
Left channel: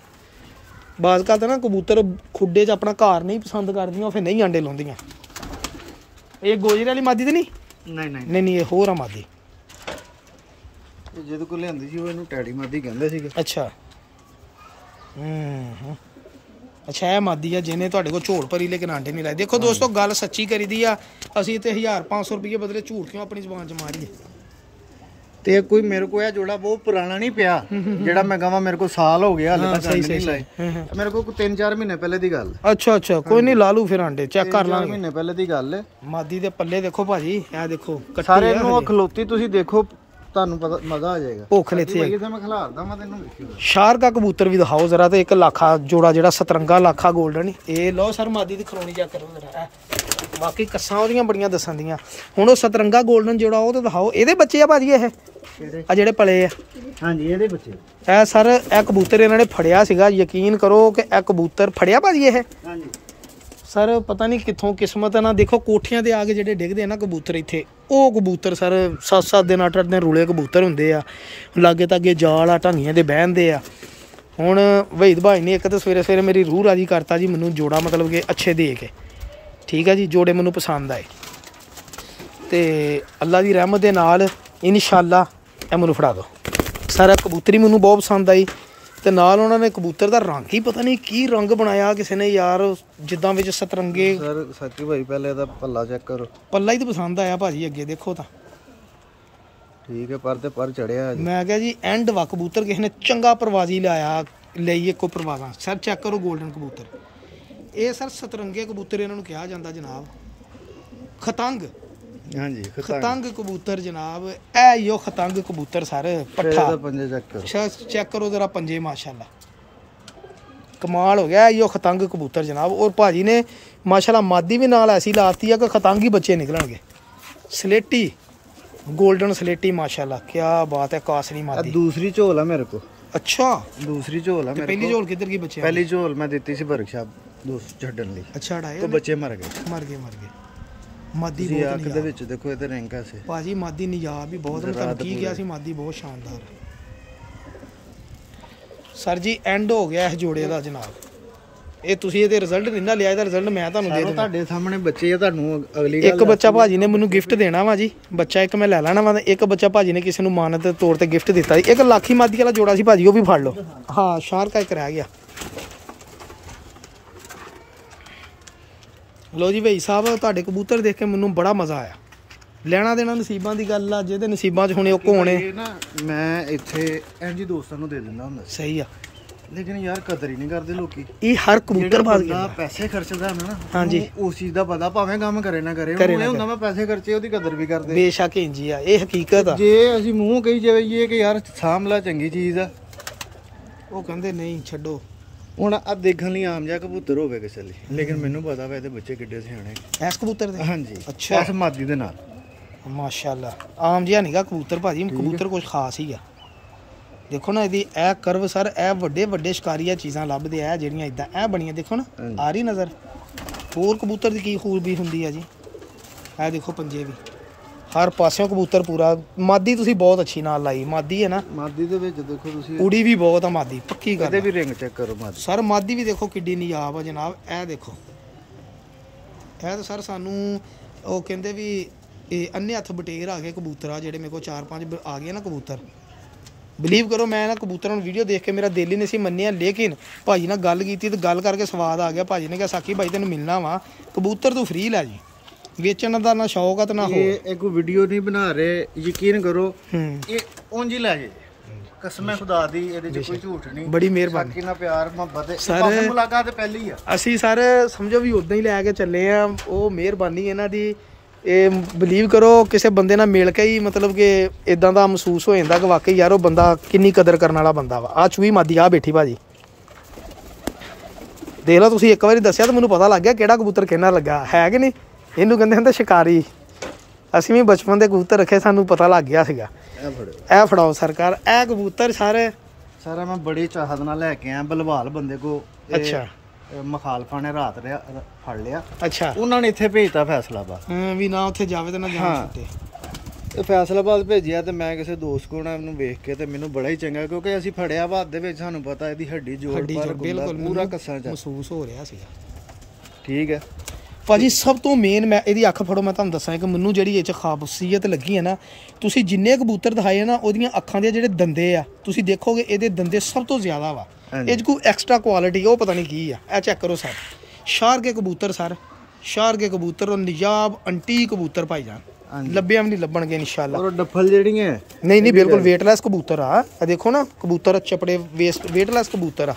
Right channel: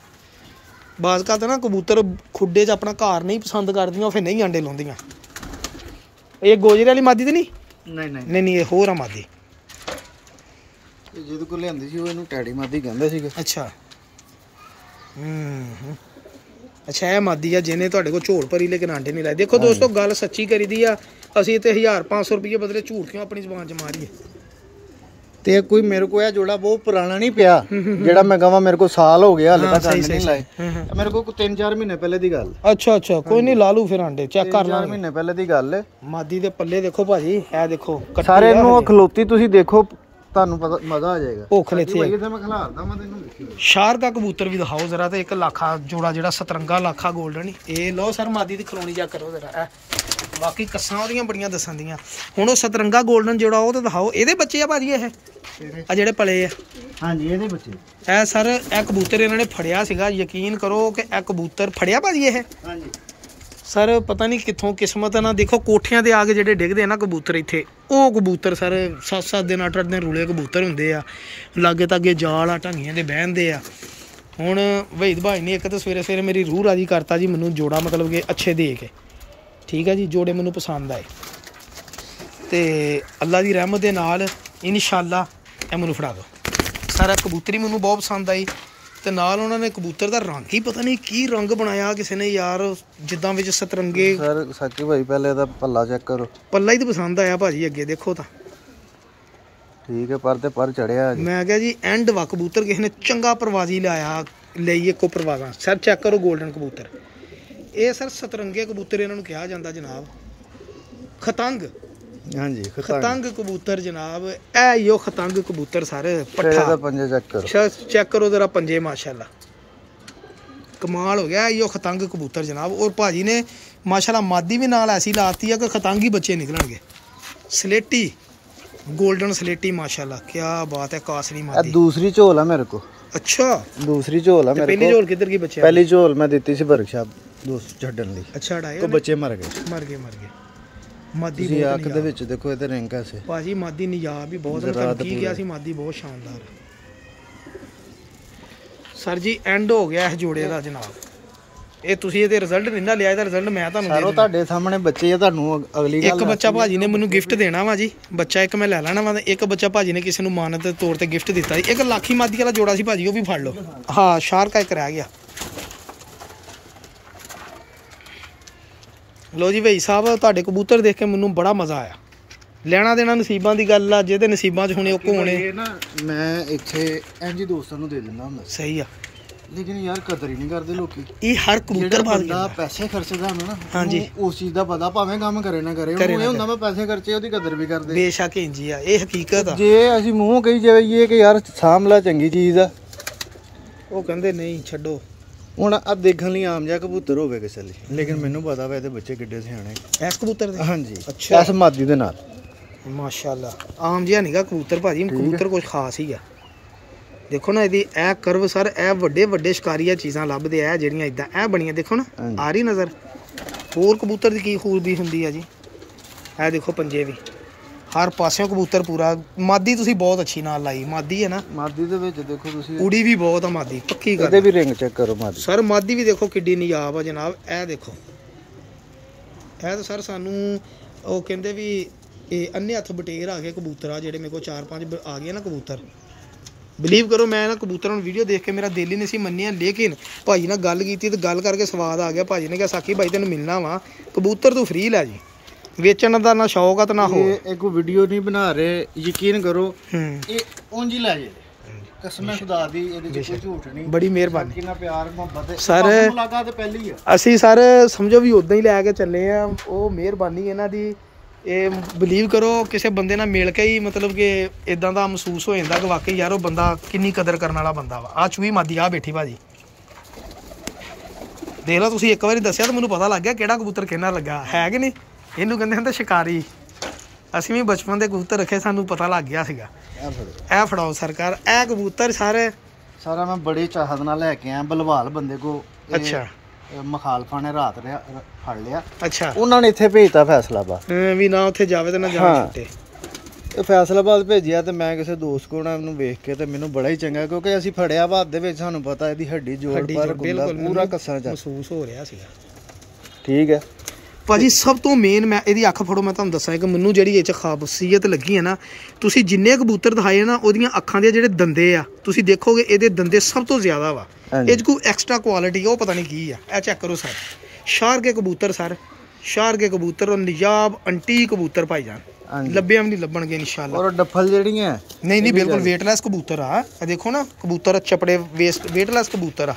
ਬਾਜ਼ ਕਰਦਾ ਨਾ ਕਬੂਤਰ ਖੁੱਡੇ 'ਚ ਆਪਣਾ ਘਰ ਨਹੀਂ ਪਸੰਦ ਕਰਦੀਆਂ ਉਹ ਫਿਰ ਨਹੀਂ ਆਂਡੇ ਲਾਉਂਦੀਆਂ। ਇਹ ਗੋਜਰੇ ਵਾਲੀ ਮਾਦੀ ਤੇ ਨਹੀਂ ਇਹ ਹੋਰ ਆ ਮਾਦੀ। ਜਿਹਦੇ ਕੋਲ ਲਿਆਂਦੀ ਸੀ ਉਹ ਇਹਨੂੰ ਟੈਡੀ ਮਾਦੀ ਕਹਿੰਦੇ ਸੀਗੇ। ਅੱਛਾ ਅੱਛਾ ਇਹ ਮਾਦੀ ਆ ਜਿਹਨੇ ਤੁਹਾਡੇ ਕੋਲ ਝੋਲ ਭਰੀ ਲੇਕਿਨ ਆਂਡੇ ਨਹੀਂ ਲਾਏ। ਦੇਖੋ ਦੋਸਤੋ ਗੱਲ ਸੱਚੀ ਕਰੀਦੀ ਆ, ਅਸੀਂ ਤੇ 1500 ਰੁਪਏ ਬਦਲੇ ਝੂਠ ਕਿਉਂ ਆਪਣੀ ਜ਼ਬਾਨ 'ਚ ਮਾਰੀਏ। ਤੇ ਕੋਈ ਮੇਰੇ ਕੋਲ ਇਹ ਜੋੜਾ ਬਹੁਤ ਪੁਰਾਣਾ ਨਹੀਂ ਪਿਆ ਜਿਹੜਾ ਮੈਂ ਕਹਾਂ ਮੇਰੇ ਕੋਲ ਸਾਲ ਹੋ ਗਿਆ ਹਾਲੇ ਤੱਕ ਨਹੀਂ ਲਾਏ। ਮੇਰੇ ਕੋਲ 3-4 ਮਹੀਨੇ ਪਹਿਲੇ ਦੀ ਗੱਲ। ਅੱਛਾ ਅੱਛਾ ਕੋਈ ਨਹੀਂ ਲਾ ਲੂ ਫਿਰ ਆਂਡੇ ਚੈੱਕ ਕਰ ਲਾਂਗੇ। 3 ਮਹੀਨੇ ਪਹਿਲੇ ਦੀ ਗੱਲ। ਮਾਦੀ ਦੇ ਪੱਲੇ ਦੇਖੋ ਭਾਜੀ, ਇਹ ਦੇਖੋ ਕੱਟੀ ਆ ਖਲੋਤੀ, ਤੁਸੀਂ ਦੇਖੋ ਤੁਹਾਨੂੰ ਪਤਾ ਮਜ਼ਾ ਆ ਜਾਏਗਾ। ਭੁੱਖ ਲੈਥੇ ਮੈਂ ਖਿਲਾਰਦਾ ਮੈਂ ਤੈਨੂੰ ਵੇਖਿਓ। ਸ਼ਾਰ ਦਾ ਕਬੂਤਰ ਵੀ ਦਿਖਾਓ ਜ਼ਰਾ, ਤੇ 1 ਲੱਖਾ ਜੋੜਾ ਜਿਹੜਾ ਸਤਰੰਗਾ ਲੱਖਾ 골ਡਨ ਇਹ ਲਓ ਸਰ। ਮਾਦੀ ਦੀ ਖਲੋਣੀ ਚੈੱਕ ਕਰੋ ਜ਼ਰਾ, ਵਾਕਈ ਕੱਸਾਂ ਉਹਦੀਆਂ ਬੜੀਆਂ ਦੱਸਣ ਦੀਆਂ। ਹੁਣ ਉਹ ਸਤਰੰਗਾ 골ਡਨ ਜੋੜਾ ਉਹ ਤੇ ਦਿਖਾਓ, ਇਹਦੇ ਬੱਚੇ ਆ ਭਾਜੀ ਇਹ ਆ ਜਿਹੜੇ ਪਲੇ ਆ। ਹਾਂਜੀ ਇਹਦੇ ਬੱਚੇ। ਇਹ ਸਰ ਇਹ ਕਬੂਤਰ ਇਹਨਾਂ ਨੇ ਫੜਿਆ ਸੀਗਾ, ਯਕੀਨ ਕਰੋ ਕਿ ਇਹ ਕਬੂਤਰ ਫੜਿਆ ਭਾਜੀ ਇਹ। ਹਾਂਜੀ ਸਰ ਪਤਾ ਨਹੀਂ ਕਿੱਥੋਂ ਕਿਸਮਤ ਨਾ, ਦੇਖੋ ਕੋਠਿਆਂ ਤੇ ਆ ਕੇ ਜਿਹੜੇ ਡਿੱਗਦੇ ਆ ਨਾ ਕਬੂਤਰ ਇੱਥੇ, ਉਹ ਕਬੂਤਰ ਸਰ 7-7 ਦਿਨ 8-8 ਦਿਨ ਰੂਲੇ ਕਬੂਤਰ ਹੁੰਦੇ ਆ, ਲਾਗੇ ਤਾਗੇ ਜਾਲ ਆ ਢਾਂਗੀਆਂ ਦੇ ਬਹਿੰਦੇ ਆ। ਹੁਣ ਵਹੀਦ ਭਾਈ ਨੇ ਇੱਕ ਤਾਂ ਸਵੇਰੇ ਸਵੇਰੇ ਮੇਰੀ ਰੂਹ ਰਾਜੀ ਕਰਤਾ ਜੀ, ਮੈਨੂੰ ਜੋੜਾ ਮਤਲਬ ਕਿ ਅੱਛੇ ਦੇ ਕੇ, ਠੀਕ ਹੈ ਜੀ, ਜੋੜੇ ਮੈਨੂੰ ਪਸੰਦ ਆਏ ਤੇ ਅੱਲਾ ਦੀ ਰਹਿਮਤ ਦੇ ਨਾਲ ਇਨਸ਼ਾਅੱਲਾ ਇਹ ਮੈਨੂੰ ਫੜਾ ਦਿਓ। ਸਾਰਾ ਕਬੂਤਰੀ ਮੈਨੂੰ ਬਹੁਤ ਪਸੰਦ ਆਈ ਤੇ ਨਾਲ ਉਹਨਾਂ ਨੇ ਕਬੂਤਰ ਦਾ ਰੰਗ ਹੀ ਪਤਾ ਨਹੀਂ ਕੀ ਰੰਗ ਬਣਾਇਆ ਕਿਸੇ ਨੇ ਯਾਰ, ਜਿੱਦਾਂ ਵਿੱਚ ਸਤਰੰਗੇ। ਸਰ ਸਾਕੀ ਭਾਈ ਪਹਿਲੇ ਇਹਦਾ ਪੱਲਾ ਚੈੱਕ ਕਰੋ। ਪੱਲਾ ਹੀ ਤਾਂ ਪਸੰਦ ਆਇਆ ਭਾਜੀ, ਅੱਗੇ ਦੇਖੋ ਤਾਂ ਠੀਕ ਹੈ, ਪਰ ਤੇ ਪਰ ਚੜਿਆ। ਮੈਂ ਕਿਹਾ ਜੀ ਐਂਡ ਵਾ ਕਬੂਤਰ ਕਿਸੇ ਨੇ ਚੰਗਾ ਪ੍ਰਵਾਜ਼ੀ ਲਾਇਆ, ਲਈ ਇੱਕੋ ਪ੍ਰਵਾਜ਼ਾਂ। ਸਰ ਚੈੱਕ ਕਰੋ 골ਡਨ ਕਬੂਤਰ, ਇਹ ਸਰ ਸਤਰੰਗੇ ਕਬੂਤਰ ਇਹਨਾਂ ਨੂੰ ਕਿਹਾ ਜਾਂਦਾ ਜਨਾਬ, ਖਤੰਗ। ਹਾਂਜੀ ਖਤੰਗ ਕਬੂਤਰ ਜਨਾਬ, ਇਹ ਯੋ ਖਤੰਗ ਕਬੂਤਰ ਸਰ ਪੱਠਾ। ਪੰਜੇ ਚੈੱਕ ਕਰੋ, ਚੈੱਕ ਕਰੋ ਜ਼ਰਾ ਪੰਜੇ, ਮਾਸ਼ਾਅੱਲਾ ਕਮਾਲ ਹੋ ਗਿਆ। ਯੋ ਖਤੰਗ ਕਬੂਤਰ ਜਨਾਬ, ਔਰ ਭਾਜੀ ਨੇ ਮਾਸ਼ਾਅੱਲਾ ਮਾਦੀ ਵੀ ਨਾਲ ਐਸੀ ਲਾਤੀ ਆ ਕਿ ਖਤੰਗ ਹੀ ਬੱਚੇ ਨਿਕਲਣਗੇ। ਸਲੇਟੀ 골ਡਨ ਸਲੇਟੀ ਮਾਸ਼ਾਅੱਲਾ, ਕੀ ਬਾਤ ਹੈ। ਕਾਸਰੀ ਮਾਦੀ ਦੂਸਰੀ ਝੋਲ ਹੈ ਮੇਰੇ ਕੋ। ਅੱਛਾ ਦੂਸਰੀ ਝੋਲ ਹੈ। ਪਹਿਲੀ ਝੋਲ ਕਿੱਧਰ ਗਈ ਬੱਚੇ? ਪਹਿਲੀ ਝੋਲ ਮੈਂ ਦਿੱਤੀ ਸੀ ਵਰਕਸ਼ਾਪ ਦੋਸਤ ਛੱਡਣ ਲਈ। ਅੱਛਾ ਹਟਾਏ ਤੇ ਬੱਚੇ ਮਰ ਗਏ। ਮਾਦੀ ਬਹੁਤ ਨਿਯਾਬ ਦੇ ਵਿੱਚ ਦੇਖੋ ਇਹਦੇ ਰਿੰਗ ਐਸੇ ਭਾਜੀ, ਮਾਦੀ ਨਿਯਾਬ ਵੀ ਬਹੁਤ। ਮੈਂ ਤੁਹਾਨੂੰ ਕੀ ਕਿਹਾ ਸੀ, ਮਾਦੀ ਬਹੁਤ ਸ਼ਾਨਦਾਰ ਸਰ ਜੀ। ਐਂਡ ਹੋ ਗਿਆ ਇਸ ਜੋੜੇ ਦਾ ਜਨਾਬ, ਇਹ ਤੁਸੀਂ ਇਹਦੇ ਰਿਜ਼ਲਟ ਨਹੀਂ ਨਾ ਲਿਆ, ਇਹਦਾ ਰਿਜ਼ਲਟ ਮੈਂ ਤੁਹਾਨੂੰ ਦੇ ਦੂੰਗਾ। ਤੁਹਾਡੇ ਸਾਹਮਣੇ ਬੱਚੇ ਆ, ਤੁਹਾਨੂੰ ਅਗਲੀ ਗੱਲ ਇੱਕ ਬੱਚਾ ਭਾਜੀ ਨੇ ਮੈਨੂੰ ਗਿਫਟ ਦੇਣਾ ਵਾ ਜੀ, ਬੱਚਾ ਇੱਕ ਮੈਂ ਲੈ ਲੈਣਾ ਵਾ। ਇੱਕ ਬੱਚਾ ਭਾਜੀ ਨੇ ਕਿਸੇ ਨੂੰ ਮਾਨਤ ਦੇ ਤੌਰ ਤੇ ਗਿਫਟ ਦਿੱਤਾ ਜੀ। 1 ਲੱਖੀ ਮਾਦੀ ਵਾਲਾ ਜੋੜਾ ਸੀ ਭਾਜੀ, ਉਹ ਵੀ ਫੜ ਲਓ। ਹਾਂ ਸ਼ਾਰਕ ਇੱਕ ਰਹਿ ਗਿਆ। ਲੋ ਜੀ ਭਾਈ ਸਾਹਿਬ, ਤੁਹਾਡੇ ਕਬੂਤਰ ਦੇਖ ਕੇ ਮੈਨੂੰ ਬੜਾ ਮਜ਼ਾ ਆਇਆ। ਲੈਣਾ ਦੇਣਾ ਨਸੀਬਾਂ ਦੀ ਗੱਲ ਆ, ਜਿਹਦੇ ਨਸੀਬਾਂ 'ਚ ਹੋਣੇ ਉਹ ਹੋਣੇ। ਨਾ ਮੈਂ ਇੱਥੇ ਇੰਜ ਦੋਸਤਾਂ ਨੂੰ ਦੇ ਦਿੰਦਾ ਹੁੰਦਾ। ਸਹੀ ਆ, ਲੇਕਿਨ ਯਾਰ ਕਦਰ ਹੀ ਨਹੀਂ ਕਰਦੇ ਲੋਕੀ। ਇਹ ਹਰ ਕਬੂਤਰ ਬੰਦਾ ਪੈਸੇ ਖਰਚਦਾ ਹੈ ਨਾ, ਹਾਂਜੀ ਉਸ ਚੀਜ਼ ਦਾ ਪਤਾ, ਭਾਵੇਂ ਕੰਮ ਕਰੇ ਨਾ ਕਰੇ, ਉਹ ਇਹ ਹੁੰਦਾ ਮੈਂ ਪੈਸੇ ਖਰਚੇ, ਉਹਦੀ ਕਦਰ ਵੀ ਕਰਦੇ। ਬੇਸ਼ੱਕ ਇੰਜੀ ਆ, ਇਹ ਹਕੀਕਤ ਆ। ਜੇ ਅਸੀਂ ਮੂੰਹ ਕਹੀ ਜਾਈਏ ਕਿ ਯਾਰ ਸਾਂਭ ਲੈ ਚੰਗੀ ਚੀਜ਼ ਆ, ਉਹ ਕਹਿੰਦੇ ਨਹੀਂ ਛੱਡੋ। ਹੁਣ ਆ ਦੇਖਣ ਲਈ ਆਮ ਜਿਹਾ ਕਬੂਤਰ ਹੋਵੇ ਕਿਸੇ ਲਈ, ਲੇਕਿਨ ਮੈਨੂੰ ਪਤਾ ਵਾ ਇਹਦੇ ਬੱਚੇ ਕਿੱਡੇ ਸਿਆਣੇ ਇਸ ਕਬੂਤਰ ਦੇ। ਹਾਂਜੀ ਅੱਛਾ, ਇਸ ਮਾਦੀ ਦੇ ਨਾਲ ਮਾਸ਼ਾਅੱਲਾ। ਆਮ ਜਿਹਾ ਨਹੀਂਗਾ ਕਬੂਤਰ ਭਾਜੀ, ਕਬੂਤਰ ਕੁਝ ਖਾਸ ਹੀ ਆ। ਦੇਖੋ ਨਾ ਇਹਦੀ ਇਹ ਕਰਵ ਸਰ, ਇਹ ਵੱਡੇ ਵੱਡੇ ਸ਼ਿਕਾਰੀਆ ਚੀਜ਼ਾਂ ਲੱਭਦੇ ਆ ਜਿਹੜੀਆਂ ਇਦਾਂ ਇਹ ਬਣੀਆਂ। ਦੇਖੋ ਨਾ ਆ ਰਹੀ ਨਜ਼ਰ। ਹੋਰ ਕਬੂਤਰ ਦੀ ਕੀ ਖੂਬੀ ਹੁੰਦੀ ਆ ਜੀ, ਇਹ ਦੇਖੋ ਪੰਜੇ ਵੀ ਹਰ ਪਾਸਿਓਂ ਕਬੂਤਰ ਪੂਰਾ। ਮਾਦੀ ਤੁਸੀਂ ਬਹੁਤ ਅੱਛੀ ਨਾਲ ਲਾਈ, ਮਾਦੀ ਹੈ ਨਾ। ਮਾਦੀ ਦੇ ਵਿੱਚ ਦੇਖੋ ਤੁਸੀਂ ਉੜੀ ਵੀ ਬਹੁਤ ਆ ਮਾਦੀ, ਪੱਕੀ ਗੱਲ। ਇਹਦੇ ਵੀ ਰਿੰਗ ਚੈੱਕ ਕਰੋ ਮਾਦੀ ਸਰ, ਮਾਦੀ ਵੀ ਦੇਖੋ ਕਿੱਡੀ ਨਿਯਾਬ ਆ ਜਨਾਬ। ਇਹ ਦੇਖੋ, ਇਹ ਤਾਂ ਸਰ ਸਾਨੂੰ ਉਹ ਕਹਿੰਦੇ ਵੀ ਇਹ ਅੰਨੇ ਹੱਥ ਬਟੇਰ ਆ ਗਏ ਕਬੂਤਰ ਆ ਜਿਹੜੇ ਮੇਰੇ ਕੋਲ 4-5 ਆ ਗਏ ਨਾ ਕਬੂਤਰ। ਬਿਲੀਵ ਕਰੋ ਮੈਂ ਨਾ ਕਬੂਤਰਾਂ ਨੂੰ ਵੀਡੀਓ ਦੇਖ ਕੇ ਮੇਰਾ ਦਿਲ ਹੀ ਨਹੀਂ ਸੀ ਮੰਨਿਆ, ਲੇਕਿਨ ਭਾਜੀ ਨਾਲ ਗੱਲ ਕੀਤੀ ਤੇ ਗੱਲ ਕਰਕੇ ਸਵਾਦ ਆ ਗਿਆ। ਭਾਜੀ ਨੇ ਕਿਹਾ ਸਾਕੀ ਭਾਈ ਤੈਨੂੰ ਮਿਲਣਾ ਵਾ, ਕਬੂਤਰ ਤੂੰ ਫ੍ਰੀ ਲੈ ਜੀ, ਵੇਚਣ ਦਾ ਨਾ ਸ਼ੌਕ ਆ ਤੇ ਨਾ ਹੋ। ਇਹ ਕੋਈ ਵੀਡੀਓ ਨਹੀਂ ਬਣਾ ਰਹੇ, ਯਕੀਨ ਕਰੋ ਇਹ ਉਂਝ ਹੀ ਲੈ ਜੇ, ਕਸਮ ਖੁਦਾ ਦੀ, ਇਹਦੇ ਚ ਕੋਈ ਝੂਠ ਨਹੀਂ। ਬੜੀ ਮਿਹਰਬਾਨੀ, ਕਿੰਨਾ ਪਿਆਰ ਮੁਹੱਬਤ ਸਰ। ਮੁਲਾਕਾਤ ਪਹਿਲੀ ਆ, ਅਸੀਂ ਸਾਰੇ ਸਮਝੋ ਵੀ ਉਦਾਂ ਹੀ ਲੈ ਕੇ ਚੱਲੇ ਆ। ਉਹ ਮਿਹਰਬਾਨੀ ਇਹਨਾਂ ਦੀ। ਇਹ ਬਿਲੀਵ ਕਰੋ ਕਿਸੇ ਬੰਦੇ ਨਾਲ ਮਿਲ ਕੇ ਹੀ ਮਤਲਬ ਕਿ ਇਦਾਂ ਦਾ ਮਹਿਸੂਸ ਹੋ ਜਾਂਦਾ ਕਿ ਵਾਕਈ ਯਾਰ ਉਹ ਬੰਦਾ ਕਿੰਨੀ ਕਦਰ ਕਰਨ ਵਾਲਾ ਬੰਦਾ ਵਾ। ਆ ਚੂਹੀ ਮਾਦੀ ਆ ਬੈਠੀ ਭਾਜੀ, ਦੇਖ ਲਓ ਤੁਸੀਂ। ਇੱਕ ਵਾਰੀ ਦੱਸਿਆ ਤਾਂ ਮੈਨੂੰ ਪਤਾ ਲੱਗ ਗਿਆ ਕਿਹੜਾ ਕਬੂਤਰ ਕਿਹਨਾਂ ਲੱਗਾ ਹੈ ਕਿ ਨਹੀਂ। ਇਹਨੂੰ ਕਹਿੰਦੇ ਹੁੰਦੇ ਸ਼ਿਕਾਰੀ। ਅਸੀਂ ਵੀ ਬਚਪਨ ਦੇ ਕਬੂਤਰ ਰੱਖੇ, ਸਾਨੂੰ ਪਤਾ ਲੱਗ ਗਿਆ ਸੀਗਾ। ਇਹ ਫੜਾਓ ਸਰਕਾਰ, ਇਹ ਕਬੂਤਰ ਸਾਰੇ ਸਾਰਾ ਮੈਂ ਬੜੀ ਚਾਹਤ ਨਾਲ ਲੈ ਕੇ ਆਇਆ ਬਲਵਾਲ ਬੰਦੇ ਕੋ। ਅੱਛਾ, ਮਖਾਲਫਾ ਨੇ ਰਾਤ ਫੜ ਲਿਆ। ਅੱਛਾ, ਉਹਨਾਂ ਨੇ ਇੱਥੇ ਭੇਜਤਾ ਫੈਸਲਾਬਾਦ ਵੀ ਨਾ ਉੱਥੇ ਜਾਵੇ ਤੇ ਨਾ ਜਾਣ ਛੁੱਟੇ। ਇਹ ਫੈਸਲਾਬਾਦ ਭੇਜਿਆ ਤੇ ਮੈਂ ਕਿਸੇ ਦੋਸਤ ਕੋਲ ਇਹਨੂੰ ਵੇਖ ਕੇ ਤੇ ਮੈਨੂੰ ਬੜਾ ਹੀ ਚੰਗਾ, ਕਿਉਂਕਿ ਅਸੀਂ ਫੜਿਆ ਬਾਅਦ ਦੇ ਵਿੱਚ ਸਾਨੂੰ ਪਤਾ ਇਹਦੀ ਹੱਡੀ ਜੋੜ ਪਰ ਬਿਲਕੁਲ ਪੂਰਾ ਕੱਸਾ ਚ ਮਹਿਸੂਸ ਹੋ ਰਿਹਾ ਸੀਗਾ। ਠੀਕ ਹੈ, ਭਾਜੀ ਸਭ ਤੋਂ ਮੇਨ ਮੈਂ ਇਹਦੀ ਅੱਖ ਫੜੋ, ਮੈਂ ਤੁਹਾਨੂੰ ਦੱਸਾਂ ਕਿ ਮੈਨੂੰ ਜਿਹੜੀ ਇਹ 'ਚ ਖਾਸੀਅਤ ਲੱਗੀ ਹੈ ਨਾ, ਤੁਸੀਂ ਜਿੰਨੇ ਕਬੂਤਰ ਦਿਖਾਏ ਨਾ ਉਹਦੀਆਂ ਅੱਖਾਂ ਦੇ ਜਿਹੜੇ ਦੰਦੇ ਆ ਤੁਸੀਂ ਦੇਖੋਗੇ ਇਹਦੇ ਦੰਦੇ ਸਭ ਤੋਂ ਜ਼ਿਆਦਾ ਵਾ। ਇਹ 'ਚ ਕੋਈ ਐਕਸਟਰਾ ਕੁਆਲਿਟੀ ਉਹ ਪਤਾ ਨਹੀਂ ਕੀ ਆ। ਇਹ ਚੈੱਕ ਕਰੋ ਸਰ, ਸ਼ਾਰ ਕੇ ਕਬੂਤਰ ਸਰ, ਸ਼ਾਰ ਕੇ ਕਬੂਤਰ ਔਰ ਨਿਜਾਬ ਅੰਟੀ ਕਬੂਤਰ ਭਾਈਜਾਨ, ਲੱਭਿਆ ਵੀ ਨਹੀਂ ਲੱਭਣਗੇ ਇਨਸ਼ਾਅੱਲਾ। ਔਰ ਡੱਫਲ ਜਿਹੜੀਆਂ ਨਹੀਂ ਬਿਲਕੁਲ ਵੇਟਲੈਸ ਕਬੂਤਰ ਆ। ਦੇਖੋ ਨਾ ਕਬੂਤਰ ਚਪੜੇ ਵੇਟਲੈਸ ਕਬੂਤਰ ਆ।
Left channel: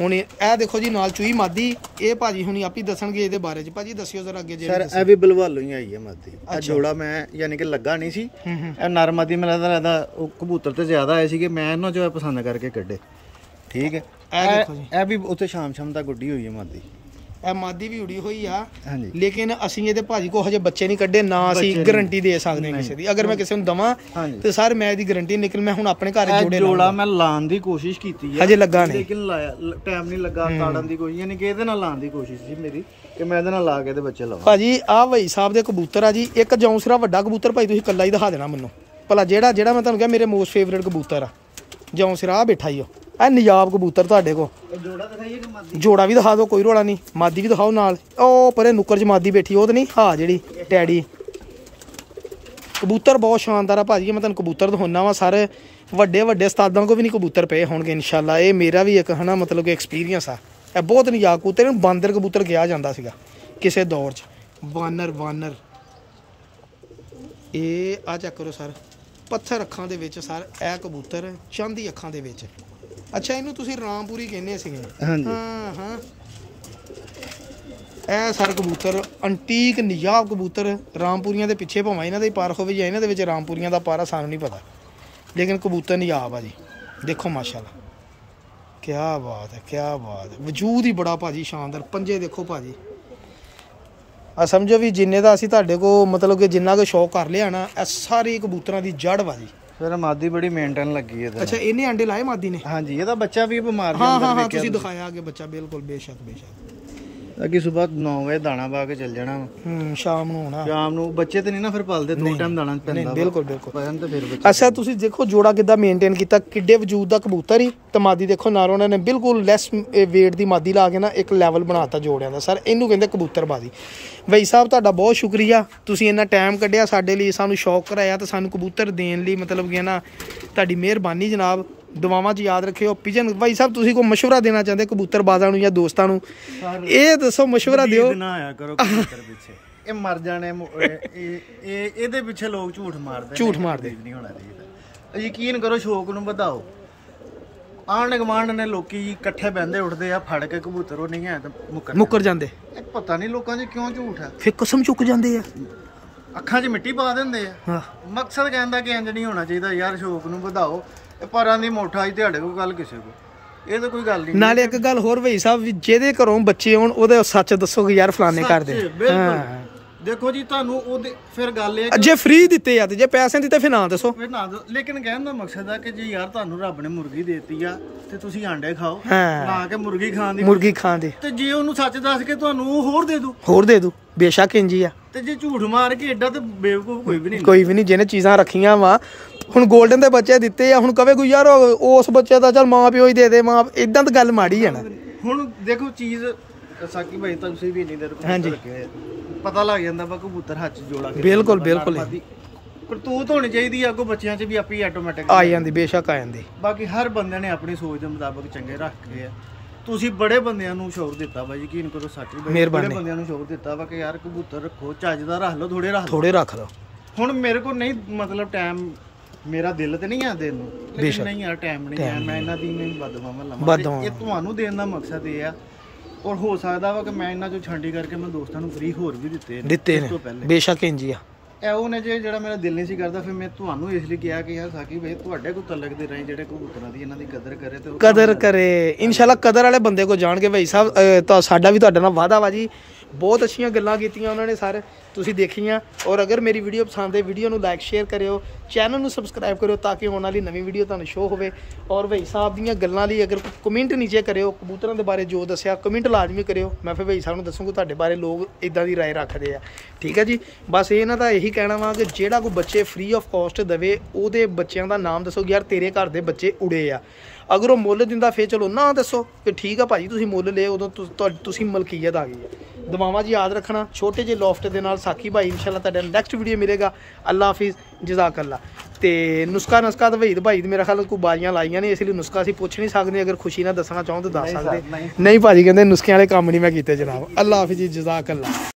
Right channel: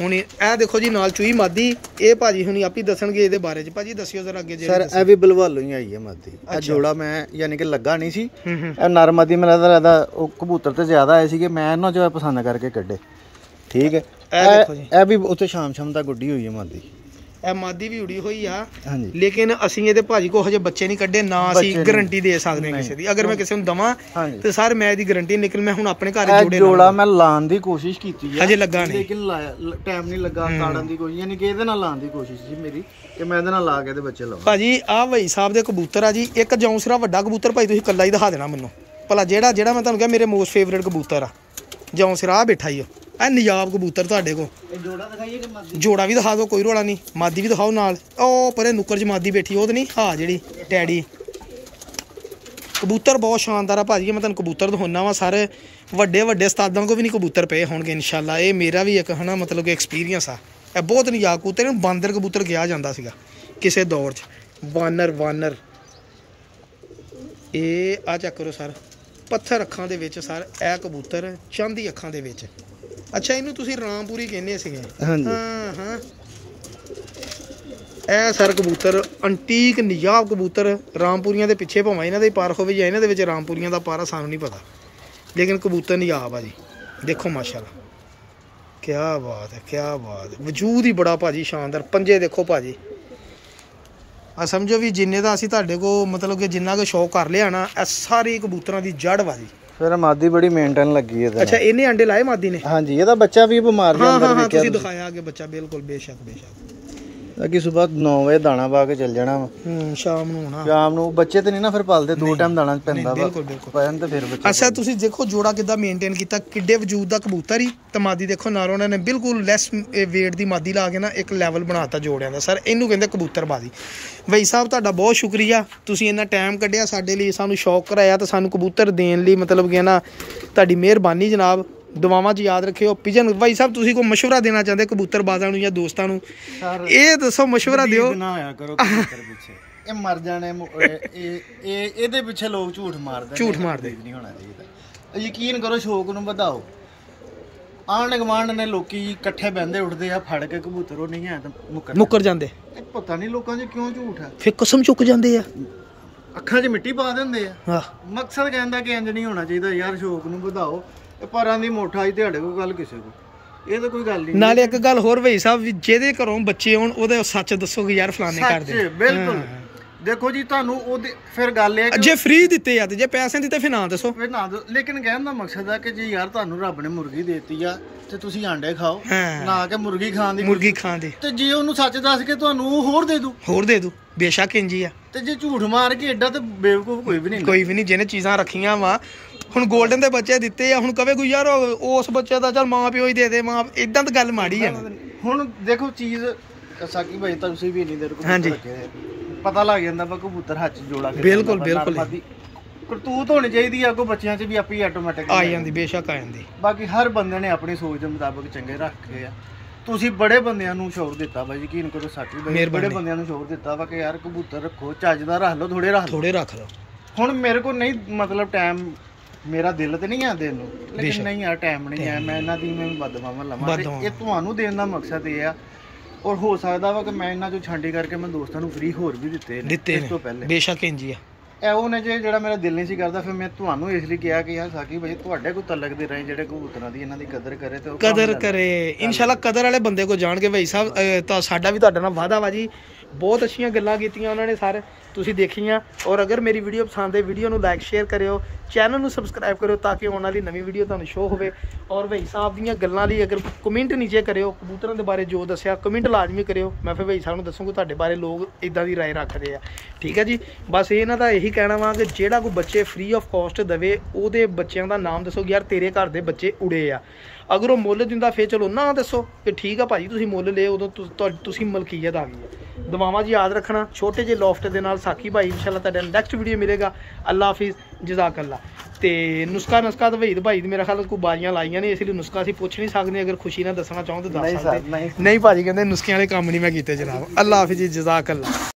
ਹੁਣ ਇਹ ਦੇਖੋ ਜੀ ਨਾਲ ਚੂਈ ਮਾਦੀ, ਇਹ ਭਾਜੀ ਹੁਣੀ ਆਪ ਹੀ ਦੱਸਣਗੇ ਇਹਦੇ ਬਾਰੇ ਚ। ਭਾਜੀ ਦੱਸਿਓ ਜ਼ਰਾ ਅੱਗੇ ਜਿਹੜੇ ਸਰ। ਇਹ ਵੀ ਬਲਵਾਲੋ ਹੀ ਆਈ ਹੈ ਮਾਦੀ। ਇਹ ਜੋੜਾ ਮੈਂ ਯਾਨੀ ਕਿ ਲੱਗਾ ਨਹੀਂ ਸੀ, ਇਹ ਨਰ ਮਾਦੀ ਮੈਨੂੰ ਲੱਗਦਾ ਉਹ ਕਬੂਤਰ ਤੇ ਜ਼ਿਆਦਾ ਆਏ ਸੀਗੇ, ਮੈਂ ਇਹਨਾਂ ਚੋਂ ਪਸੰਦ ਕਰਕੇ ਕੱਢੇ। ਠੀਕ ਹੈ, ਇਹ ਦੇਖੋ ਜੀ, ਇਹ ਵੀ ਉੱਥੇ ਸ਼ਾਮ ਦਾ ਗੁੱਡੀ ਹੋਈ ਹੈ ਮਾਦੀ। ਇਹ ਮਾਦੀ ਵੀ ਉੜੀ ਹੋਈ ਆ, ਲੇਕਿਨ ਅਸੀਂ ਇਹਦੇ ਭਾਜੀ ਕੋ ਹਜੇ ਬੱਚੇ ਨਹੀਂ ਕੱਢੇ, ਨਾ ਅਸੀਂ ਗਾਰੰਟੀ ਦੇ ਸਕਦੇ ਹਾਂ ਕਿਸੇ ਦੀ। ਅਗਰ ਮੈਂ ਕਿਸੇ ਨੂੰ ਦਵਾਂ ਤੇ ਸਰ ਮੈਂ ਇਹਦੀ ਗਾਰੰਟੀ ਨਿਕਲ, ਮੈਂ ਹੁਣ ਆਪਣੇ ਘਰ ਜੋੜਾ ਮੈਂ ਲਾਉਣ ਦੀ ਕੋਸ਼ਿਸ਼ ਕੀਤੀ ਹੈ, ਹਜੇ ਲੱਗਾ ਨਹੀਂ, ਲੇਕਿਨ ਟਾਈਮ ਨਹੀਂ ਲੱਗਾ ਤਾੜਨ ਦੀ ਕੋਸ਼ਿਸ਼, ਯਾਨੀ ਕਿ ਇਹਦੇ ਨਾਲ ਲਾਉਣ ਦੀ ਕੋਸ਼ਿਸ਼ ਸੀ ਮੇਰੀ ਕਿ ਮੈਂ ਇਹਦੇ ਨਾਲ ਲਾ ਕੇ ਇਹਦੇ ਬੱਚੇ ਲਾਵਾਂ। ਭਾਜੀ ਆਹ ਭਾਈ ਸਾਹਿਬ ਦੇ ਕਬੂਤਰ ਆ ਜੀ। ਇੱਕ ਜੌਂਸਰਾ ਵੱਡਾ ਕਬੂਤਰ ਭਾਈ ਤੁਸੀਂ ਕੱਲਾ ਹੀ ਦਿਖਾ ਦੇਣਾ ਮੈਨੂੰ ਭਲਾ, ਜਿਹੜਾ ਮੈਂ ਤੁਹਾਨੂੰ ਕਿਹਾ ਮੇਰੇ ਮੋਸਟ ਫੇਵਰੇਟ ਕਬੂਤਰ ਆ ਜੌਂਸਰਾ, ਆ ਬੈਠਾ ਹੀ ਉਹ। ਇਹ ਨਿਜਾਬ ਕਬੂਤਰ ਤੁਹਾਡੇ ਕੋਲ ਜੋੜਾ ਵੀ ਦਿਖਾ ਦਿਓ, ਕੋਈ ਰੋਲਾ ਨਹੀਂ, ਮਾਦੀ ਵੀ ਦਿਖਾਓ ਨਾਲ। ਉਹ ਪਰੇ ਨੁੱਕਰ 'ਚ ਮਾਦੀ ਬੈਠੀ ਉਹ ਤਾਂ ਨਹੀਂ, ਹਾਂ ਜਿਹੜੀ ਡੈਡੀ ਕਬੂਤਰ ਬਹੁਤ ਸ਼ਾਨਦਾਰ ਆ ਭਾਜੀ। ਮੈਂ ਤੁਹਾਨੂੰ ਕਬੂਤਰ ਦਿਖਾਉਣਾ ਵਾ ਸਾਰੇ, ਵੱਡੇ ਉਸਤਾਦਾਂ ਕੋ ਵੀ ਨਹੀਂ ਕਬੂਤਰ ਪਏ ਹੋਣਗੇ ਇਨਸ਼ਾਅੱਲਾ। ਇਹ ਮੇਰਾ ਵੀ ਇੱਕ ਹਨਾ ਮਤਲਬ ਕਿ ਐਕਸਪੀਰੀਅੰਸ ਆ। ਇਹ ਬਹੁਤ ਨਿਜਾਬ ਕਬੂਤਰ, ਇਹਨੂੰ ਬਾਂਦਰ ਕਬੂਤਰ ਕਿਹਾ ਜਾਂਦਾ ਸੀਗਾ ਕਿਸੇ ਦੌਰ 'ਚ। ਵਾਨਰ ਇਹ ਆ ਚੈੱਕ ਕਰੋ ਸਰ, ਪੱਥਰ ਅੱਖਾਂ ਦੇ ਵਿੱਚ ਸਰ ਇਹ ਕਬੂਤਰ, ਚਾਂਦੀ ਅੱਖਾਂ ਦੇ ਵਿੱਚ। ਅੱਛਾ ਇਹਨੂੰ ਤੁਸੀਂ ਰਾਮਪੁਰੀ ਕਹਿੰਦੇ ਸੀਗੇ? ਹਾਂ ਇਹ ਸਰ ਕਬੂਤਰ ਅੰਟੀਕ ਨਿਜਾਬ ਕਬੂਤਰ, ਰਾਮਪੁਰੀਆਂ ਦੇ ਪਿੱਛੇ ਭਾਵੇਂ ਇਹਨਾਂ ਦੇ ਪਾਰ ਹੋਵੇ ਜਾਂ ਇਹਨਾਂ ਦੇ ਵਿੱਚ ਰਾਮਪੁਰੀਆਂ ਦਾ ਪਾਰਾ ਸਾਨੂੰ ਨਹੀਂ ਪਤਾ, ਲੇਕਿਨ ਕਬੂਤਰ ਨਿਜਾਬ ਆ ਜੀ। ਦੇਖੋ ਮਾਸ਼ਾਅੱਲਾ, ਕਿਆ ਬਾਤ ਹੈ, ਵਜੂਦ ਹੀ ਬੜਾ ਭਾਜੀ ਸ਼ਾਨਦਾਰ। ਪੰਜੇ ਦੇਖੋ ਭਾਜੀ, ਆ ਸਮਝੋ ਵੀ ਜਿੰਨੇ ਦਾ ਅਸੀਂ ਤੁਹਾਡੇ ਕੋਲ ਮਤਲਬ ਕਿ ਜਿੰਨਾ ਕੁ ਸ਼ੌਕ ਕਰ ਲਿਆ ਨਾ, ਇਹ ਸਾਰੇ ਕਬੂਤਰਾਂ ਦੀ ਜੜ ਵਾ ਜੀ। ਫਿਰ ਮਾਦੀ ਬੜੀ ਮੇਨਟੇਨ ਲੱਗੀ ਹੈ। ਅੱਛਾ ਇਹਨੇ ਅੰਡੇ ਲਾਏ ਮਾਦੀ ਨੇ? ਹਾਂਜੀ, ਇਹਦਾ ਬੱਚਾ ਵੀ ਬਿਮਾਰ ਹਾਂ ਤੁਸੀਂ ਦਿਖਾਇਆ ਅੱਗੇ ਬੱਚਾ, ਬਿਲਕੁਲ ਬੇਸ਼ੱਕ ਅੱਗੇ ਸਵੇਰ 9 ਵਜੇ ਦਾਣਾ ਪਾ ਕੇ ਚੱਲ ਜਾਣਾ ਵਾ, ਸ਼ਾਮ ਨੂੰ ਹੋਣਾ। ਸ਼ਾਮ ਨੂੰ ਬੱਚੇ ਤੇ ਨਹੀਂ ਨਾ ਫਿਰ ਪਲਦੇ, 2 ਟਾਈਮ ਦਾਣਾ ਪੈਂਦਾ। ਬਿਲਕੁਲ ਤੇ ਫਿਰ ਅੱਛਾ ਤੁਸੀਂ ਦੇਖੋ ਜੋੜਾ ਕਿੱਦਾਂ ਮੇਨਟੇਨ ਕੀਤਾ, ਕਿੱਡੇ ਵਜੂਦ ਦਾ ਕਬੂਤਰ ਹੀ। ਤੇ ਮਾਦੀ ਦੇਖੋ ਨਾਲ ਉਹਨਾਂ ਨੇ ਬਿਲਕੁਲ ਲੈਸ ਵੇਟ ਦੀ ਮਾਦੀ ਲਾ ਕੇ ਨਾ ਇੱਕ ਲੈਵਲ ਬਣਾਤਾ ਜੋੜਿਆਂ ਦਾ। ਸਰ ਇਹਨੂੰ ਕਹਿੰਦੇ ਕਬੂਤਰਬਾਜ਼ੀ। ਭਾਈ ਸਾਹਿਬ ਤੁਹਾਡਾ ਬਹੁਤ ਸ਼ੁਕਰੀਆ, ਤੁਸੀਂ ਇੰਨਾ ਟਾਈਮ ਕੱਢਿਆ ਸਾਡੇ ਲਈ, ਸਾਨੂੰ ਸ਼ੌਕ ਕਰਾਇਆ ਤੇ ਸਾਨੂੰ ਕਬੂਤਰ ਦੇਣ ਲਈ, ਮਤਲਬ ਕਿ ਨਾ ਤੁਹਾਡੀ ਮਿਹਰਬਾਨੀ ਜਨਾਬ। ਦੁਆਵਾਂ 'ਚ ਯਾਦ ਰੱਖਿਓ। ਪਿਜਨ ਭਾਈ ਸਾਹਿਬ ਤੁਸੀਂ ਕੋਈ ਮਸ਼ਵਰਾ ਦੇਣਾ ਚਾਹੁੰਦੇ ਕਬੂਤਰਬਾਜ਼ਾਂ ਨੂੰ ਜਾਂ ਦੋਸਤਾਂ ਨੂੰ? ਇਹ ਦੱਸੋ, ਮਸ਼ਵਰਾ ਦਿਓ। ਨਾ ਆਇਆ ਕਰੋ ਕਬੂਤਰ ਪਿੱਛੇ, ਇਹ ਮਰ ਜਾਣੇ। ਇਹਦੇ ਪਿੱਛੇ ਲੋਕ ਝੂਠ ਮਾਰਦੇ ਨਹੀਂ ਹੋਣਾ ਚਾਹੀਦਾ। ਯਕੀਨ ਕਰੋ, ਸ਼ੌਕ ਨੂੰ ਵਧਾਓ। ਆਂਢ ਗੁਆਂਢ ਨੇ ਲੋਕੀ ਇਕੱਠੇ ਬਹਿੰਦੇ ਉੱਠਦੇ ਆ, ਫੜ ਕੇ ਕਬੂਤਰ ਉਹ ਨਹੀਂ ਹੈ ਤਾਂ ਮੁੱਕਰ ਜਾਂਦੇ। ਪਤਾ ਨਹੀਂ ਲੋਕਾਂ 'ਚ ਕਿਉਂ ਝੂਠ ਹੈ, ਫਿਰ ਕਸਮ ਚੁੱਕ ਜਾਂਦੇ ਆ, ਅੱਖਾਂ 'ਚ ਮਿੱਟੀ ਪਾ ਦਿੰਦੇ ਆ। ਮਕਸਦ ਕਹਿੰਦਾ ਕਿ ਇੰਜ ਨਹੀਂ ਹੋਣਾ ਚਾਹੀਦਾ ਯਾਰ, ਸ਼ੌਕ ਨੂੰ ਵਧਾਓ। ਪਰਾਂ ਦੀ ਮੋਠਾ ਹੀ ਤੁਹਾਡੇ ਕੋਲ ਗੱਲ ਕਿਸੇ ਕੋ, ਇਹ ਤਾਂ ਕੋਈ ਗੱਲ ਨਹੀਂ। ਨਾਲੇ ਇੱਕ ਗੱਲ ਹੋਰ ਭਾਈ ਸਾਹਿਬ, ਜਿਹਦੇ ਘਰੋਂ ਬੱਚੇ ਆਉਣ ਉਹਦੇ ਸੱਚ ਦੱਸੋ ਕਿ ਯਾਰ ਫਲਾਣੇ ਕਰਦੇ। ਬਿਲਕੁਲ ਦੇਖੋ ਜੀ, ਤੁਹਾਨੂੰ ਉਹਦੇ ਫਿਰ ਗੱਲ ਇਹ ਜੇ ਫ੍ਰੀ ਦਿੱਤੇ ਆ ਤੇ ਜੇ ਪੈਸੇ ਦਿੱਤੇ ਫਿਰ ਨਾ ਦੱਸੋ, ਫਿਰ ਨਾ। ਲੇਕਿਨ ਕਹਿਣ ਦਾ ਮਕਸਦ ਆ ਕਿ ਜੇ ਯਾਰ ਤੁਹਾਨੂੰ ਰੱਬ ਨੇ ਮੁਰਗੀ ਦੇਤੀ ਆ ਤੇ ਤੁਸੀਂ ਆਂਡੇ ਖਾਓ, ਨਾ ਕਿ ਮੁਰਗੀ ਖਾਣ ਦੀ। ਤੇ ਜੇ ਉਹਨੂੰ ਸੱਚ ਦੱਸ ਕੇ ਤੁਹਾਨੂੰ ਉਹ ਹੋਰ ਦੇ ਦੂ ਬੇਸ਼ੱਕ ਇੰਜੀ ਆ। ਤੇ ਜੇ ਝੂਠ ਮਾਰ ਕੇ ਐਡਾ ਤੇ ਬੇਵਕੂਫ ਕੋਈ ਵੀ ਨਹੀਂ। ਜਿਹਨੇ ਚੀਜ਼ਾਂ ਰੱਖੀਆਂ ਵਾ, ਹੁਣ 골ਡਨ ਦੇ ਬੱਚੇ ਦਿੱਤੇ ਆ, ਹੁਣ ਕਵੇ ਕੋਈ ਯਾਰ ਉਸ ਬੱਚੇ ਦਾ ਚੱਲ ਮਾਂ ਪਿਓ ਹੀ ਦੇ ਮਾਂ, ਇਦਾਂ ਤਾਂ ਗੱਲ ਮਾੜੀ ਆ ਨਾ। ਹੁਣ ਦੇਖੋ ਚੀਜ਼ ਸਾਕੀ ਭਾਈ ਤੁਸੀਂ ਵੀ ਨਹੀਂ ਦੇਰ ਹਾਂਜੀ ਪਤਾ ਲੱਗ ਜਾਂਦਾ ਵਾ ਕਬੂਤਰ ਹੱਥ 'ਚ ਜੋੜਾ ਕੇ। ਬਿਲਕੁਲ ਕਰਤੂਤ ਹੋਣੀ ਚਾਹੀਦੀ ਆ, ਅੱਗੋਂ ਬੱਚਿਆਂ 'ਚ ਵੀ ਆਪੇ ਆਟੋਮੈਟਿਕ ਆ ਜਾਂਦੀ, ਬੇਸ਼ੱਕ ਆ ਜਾਂਦੀ। ਬਾਕੀ ਹਰ ਬੰਦੇ ਨੇ ਆਪਣੀ ਸੋਚ ਦੇ ਮੁਤਾਬਕ ਚੰਗੇ ਰੱਖੇ ਆ। ਤੁਸੀਂ ਬੜੇ ਬੰਦਿਆਂ ਨੂੰ ਸ਼ੌਰ ਦਿੱਤਾ ਵਾ, ਯਕੀਨ ਕਰੋ ਸਾਕੀ ਭਾਈ, ਬੜੇ ਬੰਦਿਆਂ ਨੂੰ ਸ਼ੌਰ ਦਿੱਤਾ ਵਾ ਕਿ ਯਾਰ ਕਬੂਤਰ ਰੱਖੋ, ਚੱਜ ਦਾ ਰੱਖ ਲਓ, ਥੋੜੇ ਰੱਖ ਲਓ। ਹੁਣ ਮੇਰੇ ਕੋਲ ਨਹੀਂ ਮਤਲਬ ਟਾਈਮ, ਮੇਰਾ ਦਿਲ ਤੇ ਨਹੀਂ ਆ ਦੇਣ ਨੂੰ, ਲੇਕਿਨ ਨਹੀਂ ਯਾਰ ਟਾਈਮ ਨਹੀਂ ਹੈ, ਮੈਂ ਇਹਨਾਂ ਦੀ ਮੈਂ ਬਦਦੁਆਵਾਂ ਲਵਾਂ। ਇਹ ਤੁਹਾਨੂੰ ਦੇਣ ਦਾ ਮਕਸਦ ਇਹ ਆ, ਔਰ ਹੋ ਸਕਦਾ ਵਾ ਕਿ ਮੈਂ ਇਹਨਾਂ ਚੋਂ ਛਾਂਡੀ ਕਰਕੇ ਮੈਂ ਦੋਸਤਾਂ ਨੂੰ ਫ੍ਰੀ ਹੋਰ ਵੀ ਦਿੱਤੇ ਇਸ ਤੋਂ ਪਹਿਲੇ। ਬੇਸ਼ੱਕ ਇੰਜੀ ਆ। ਇਹ ਉਹ ਨੇ ਜਿਹੜਾ ਮੇਰਾ ਦਿਲ ਨਹੀਂ ਸੀ ਕਰਦਾ, ਫਿਰ ਮੈਂ ਤੁਹਾਨੂੰ ਇਸ ਲਈ ਕਿਹਾ ਕਿ ਯਾਰ ਸਾਕੀ ਭਾਈ ਤੁਹਾਡੇ ਕੋਲ ਤਲਕ ਦੇ ਰਹੇ ਜਿਹੜੇ ਕਬੂਤਰਾਂ ਦੀ, ਇਹਨਾਂ ਦੀ ਕਦਰ ਕਰੇ ਤੇ ਕਦਰ ਕਰੇ। ਇਨਸ਼ਾਅੱਲਾ ਕਦਰ ਵਾਲੇ ਬੰਦੇ ਕੋਲ ਜਾਣ ਕੇ ਭਾਈ ਸਾਹਿਬ, ਤਾਂ ਸਾਡਾ ਵੀ ਤੁਹਾਡੇ ਨਾਲ ਵਾਅਦਾ ਵਾ ਜੀ। ਬਹੁਤ ਅੱਛੀਆਂ ਗੱਲਾਂ ਕੀਤੀਆਂ ਉਹਨਾਂ ਨੇ ਸਾਰੇ, ਤੁਸੀਂ ਦੇਖੀਆਂ। ਔਰ ਅਗਰ ਮੇਰੀ ਵੀਡੀਓ ਪਸੰਦ ਹੈ, ਵੀਡੀਓ ਨੂੰ ਲਾਈਕ ਸ਼ੇਅਰ ਕਰਿਓ, ਚੈਨਲ ਨੂੰ ਸਬਸਕ੍ਰਾਈਬ ਕਰਿਓ ਤਾਂ ਕਿ ਆਉਣ ਵਾਲੀ ਨਵੀਂ ਵੀਡੀਓ ਤੁਹਾਨੂੰ ਸ਼ੋ ਹੋਵੇ। ਔਰ ਭਾਈ ਸਾਹਿਬ ਦੀਆਂ ਗੱਲਾਂ ਲਈ ਅਗਰ ਕਮੈਂਟ ਨੀਚੇ ਕਰਿਓ, ਕਬੂਤਰਾਂ ਦੇ ਬਾਰੇ ਜੋ ਦੱਸਿਆ ਕਮੈਂਟ ਲਾਜ਼ਮੀ ਕਰਿਓ। ਮੈਂ ਫਿਰ ਭਾਈ ਸਾਹਿਬ ਨੂੰ ਦੱਸੂਗਾ ਤੁਹਾਡੇ ਬਾਰੇ ਲੋਕ ਇਦਾਂ ਦੀ ਰਾਏ ਰੱਖਦੇ ਆ। ਠੀਕ ਹੈ ਜੀ, ਬਸ ਇਹਨਾਂ ਦਾ ਇਹੀ ਕਹਿਣਾ ਵਾ ਕਿ ਜਿਹੜਾ ਕੋਈ ਬੱਚੇ ਫ੍ਰੀ ਆਫ ਕਾਸਟ ਦੇਵੇ, ਉਹਦੇ ਬੱਚਿਆਂ ਦਾ ਨਾਮ ਦੱਸੋ ਯਾਰ ਤੇਰੇ ਘਰ ਦੇ ਬੱਚੇ ਉੜੇ ਆ। ਅਗਰ ਉਹ ਮੁੱਲ ਦਿੰਦਾ ਫੇਰ ਚਲੋ ਨਾ ਦੱਸੋ ਕਿ ਠੀਕ ਆ ਭਾਜੀ ਤੁਸੀਂ ਮੁੱਲ ਲਏ ਉਦੋਂ ਤੁਸੀਂ ਮਲਕੀਅਤ ਆ ਗਈ ਹੈ। ਦੁਆਵਾਂ ਜੀ ਯਾਦ ਰੱਖਣਾ। ਛੋਟੇ ਜਿਹੇ ਲੋਫਟ ਦੇ ਨਾਲ ਸਾਕੀ ਭਾਈ ਇੰਸ਼ਾਅੱਲਾ ਤੁਹਾਡਾ ਨੈਕਸਟ ਵੀਡੀਓ ਮਿਲੇਗਾ। ਅੱਲਾ ਹਾਫਿਜ਼, ਜਜ਼ਾਕੱਲਾ। ਤੇ ਨੁਸਖਾ ਤਾਂ ਵਹੀਦ ਭਾਈ ਮੇਰਾ ਖਿਆਲ ਕੋਈ ਬਾਰੀਆਂ ਲਾਈਆਂ ਨੇ, ਇਸ ਲਈ ਨੁਸਖਾ ਅਸੀਂ ਪੁੱਛ ਨਹੀਂ ਸਕਦੇ। ਅਗਰ ਖੁਸ਼ੀ ਨਾਲ ਦੱਸਣਾ ਚਾਹੋ ਤਾਂ ਦੱਸ ਸਕਦੇ। ਨਹੀਂ ਭਾਜੀ ਕਹਿੰਦੇ ਨੁਸਖਿਆਂ ਵਾਲੇ ਕੰਮ ਨਹੀਂ ਮੈਂ ਕੀਤੇ ਜਨਾਬ। ਅੱਲਾ ਹਾਫਿਜ਼, ਜਜ਼ਾਕੱਲਾ।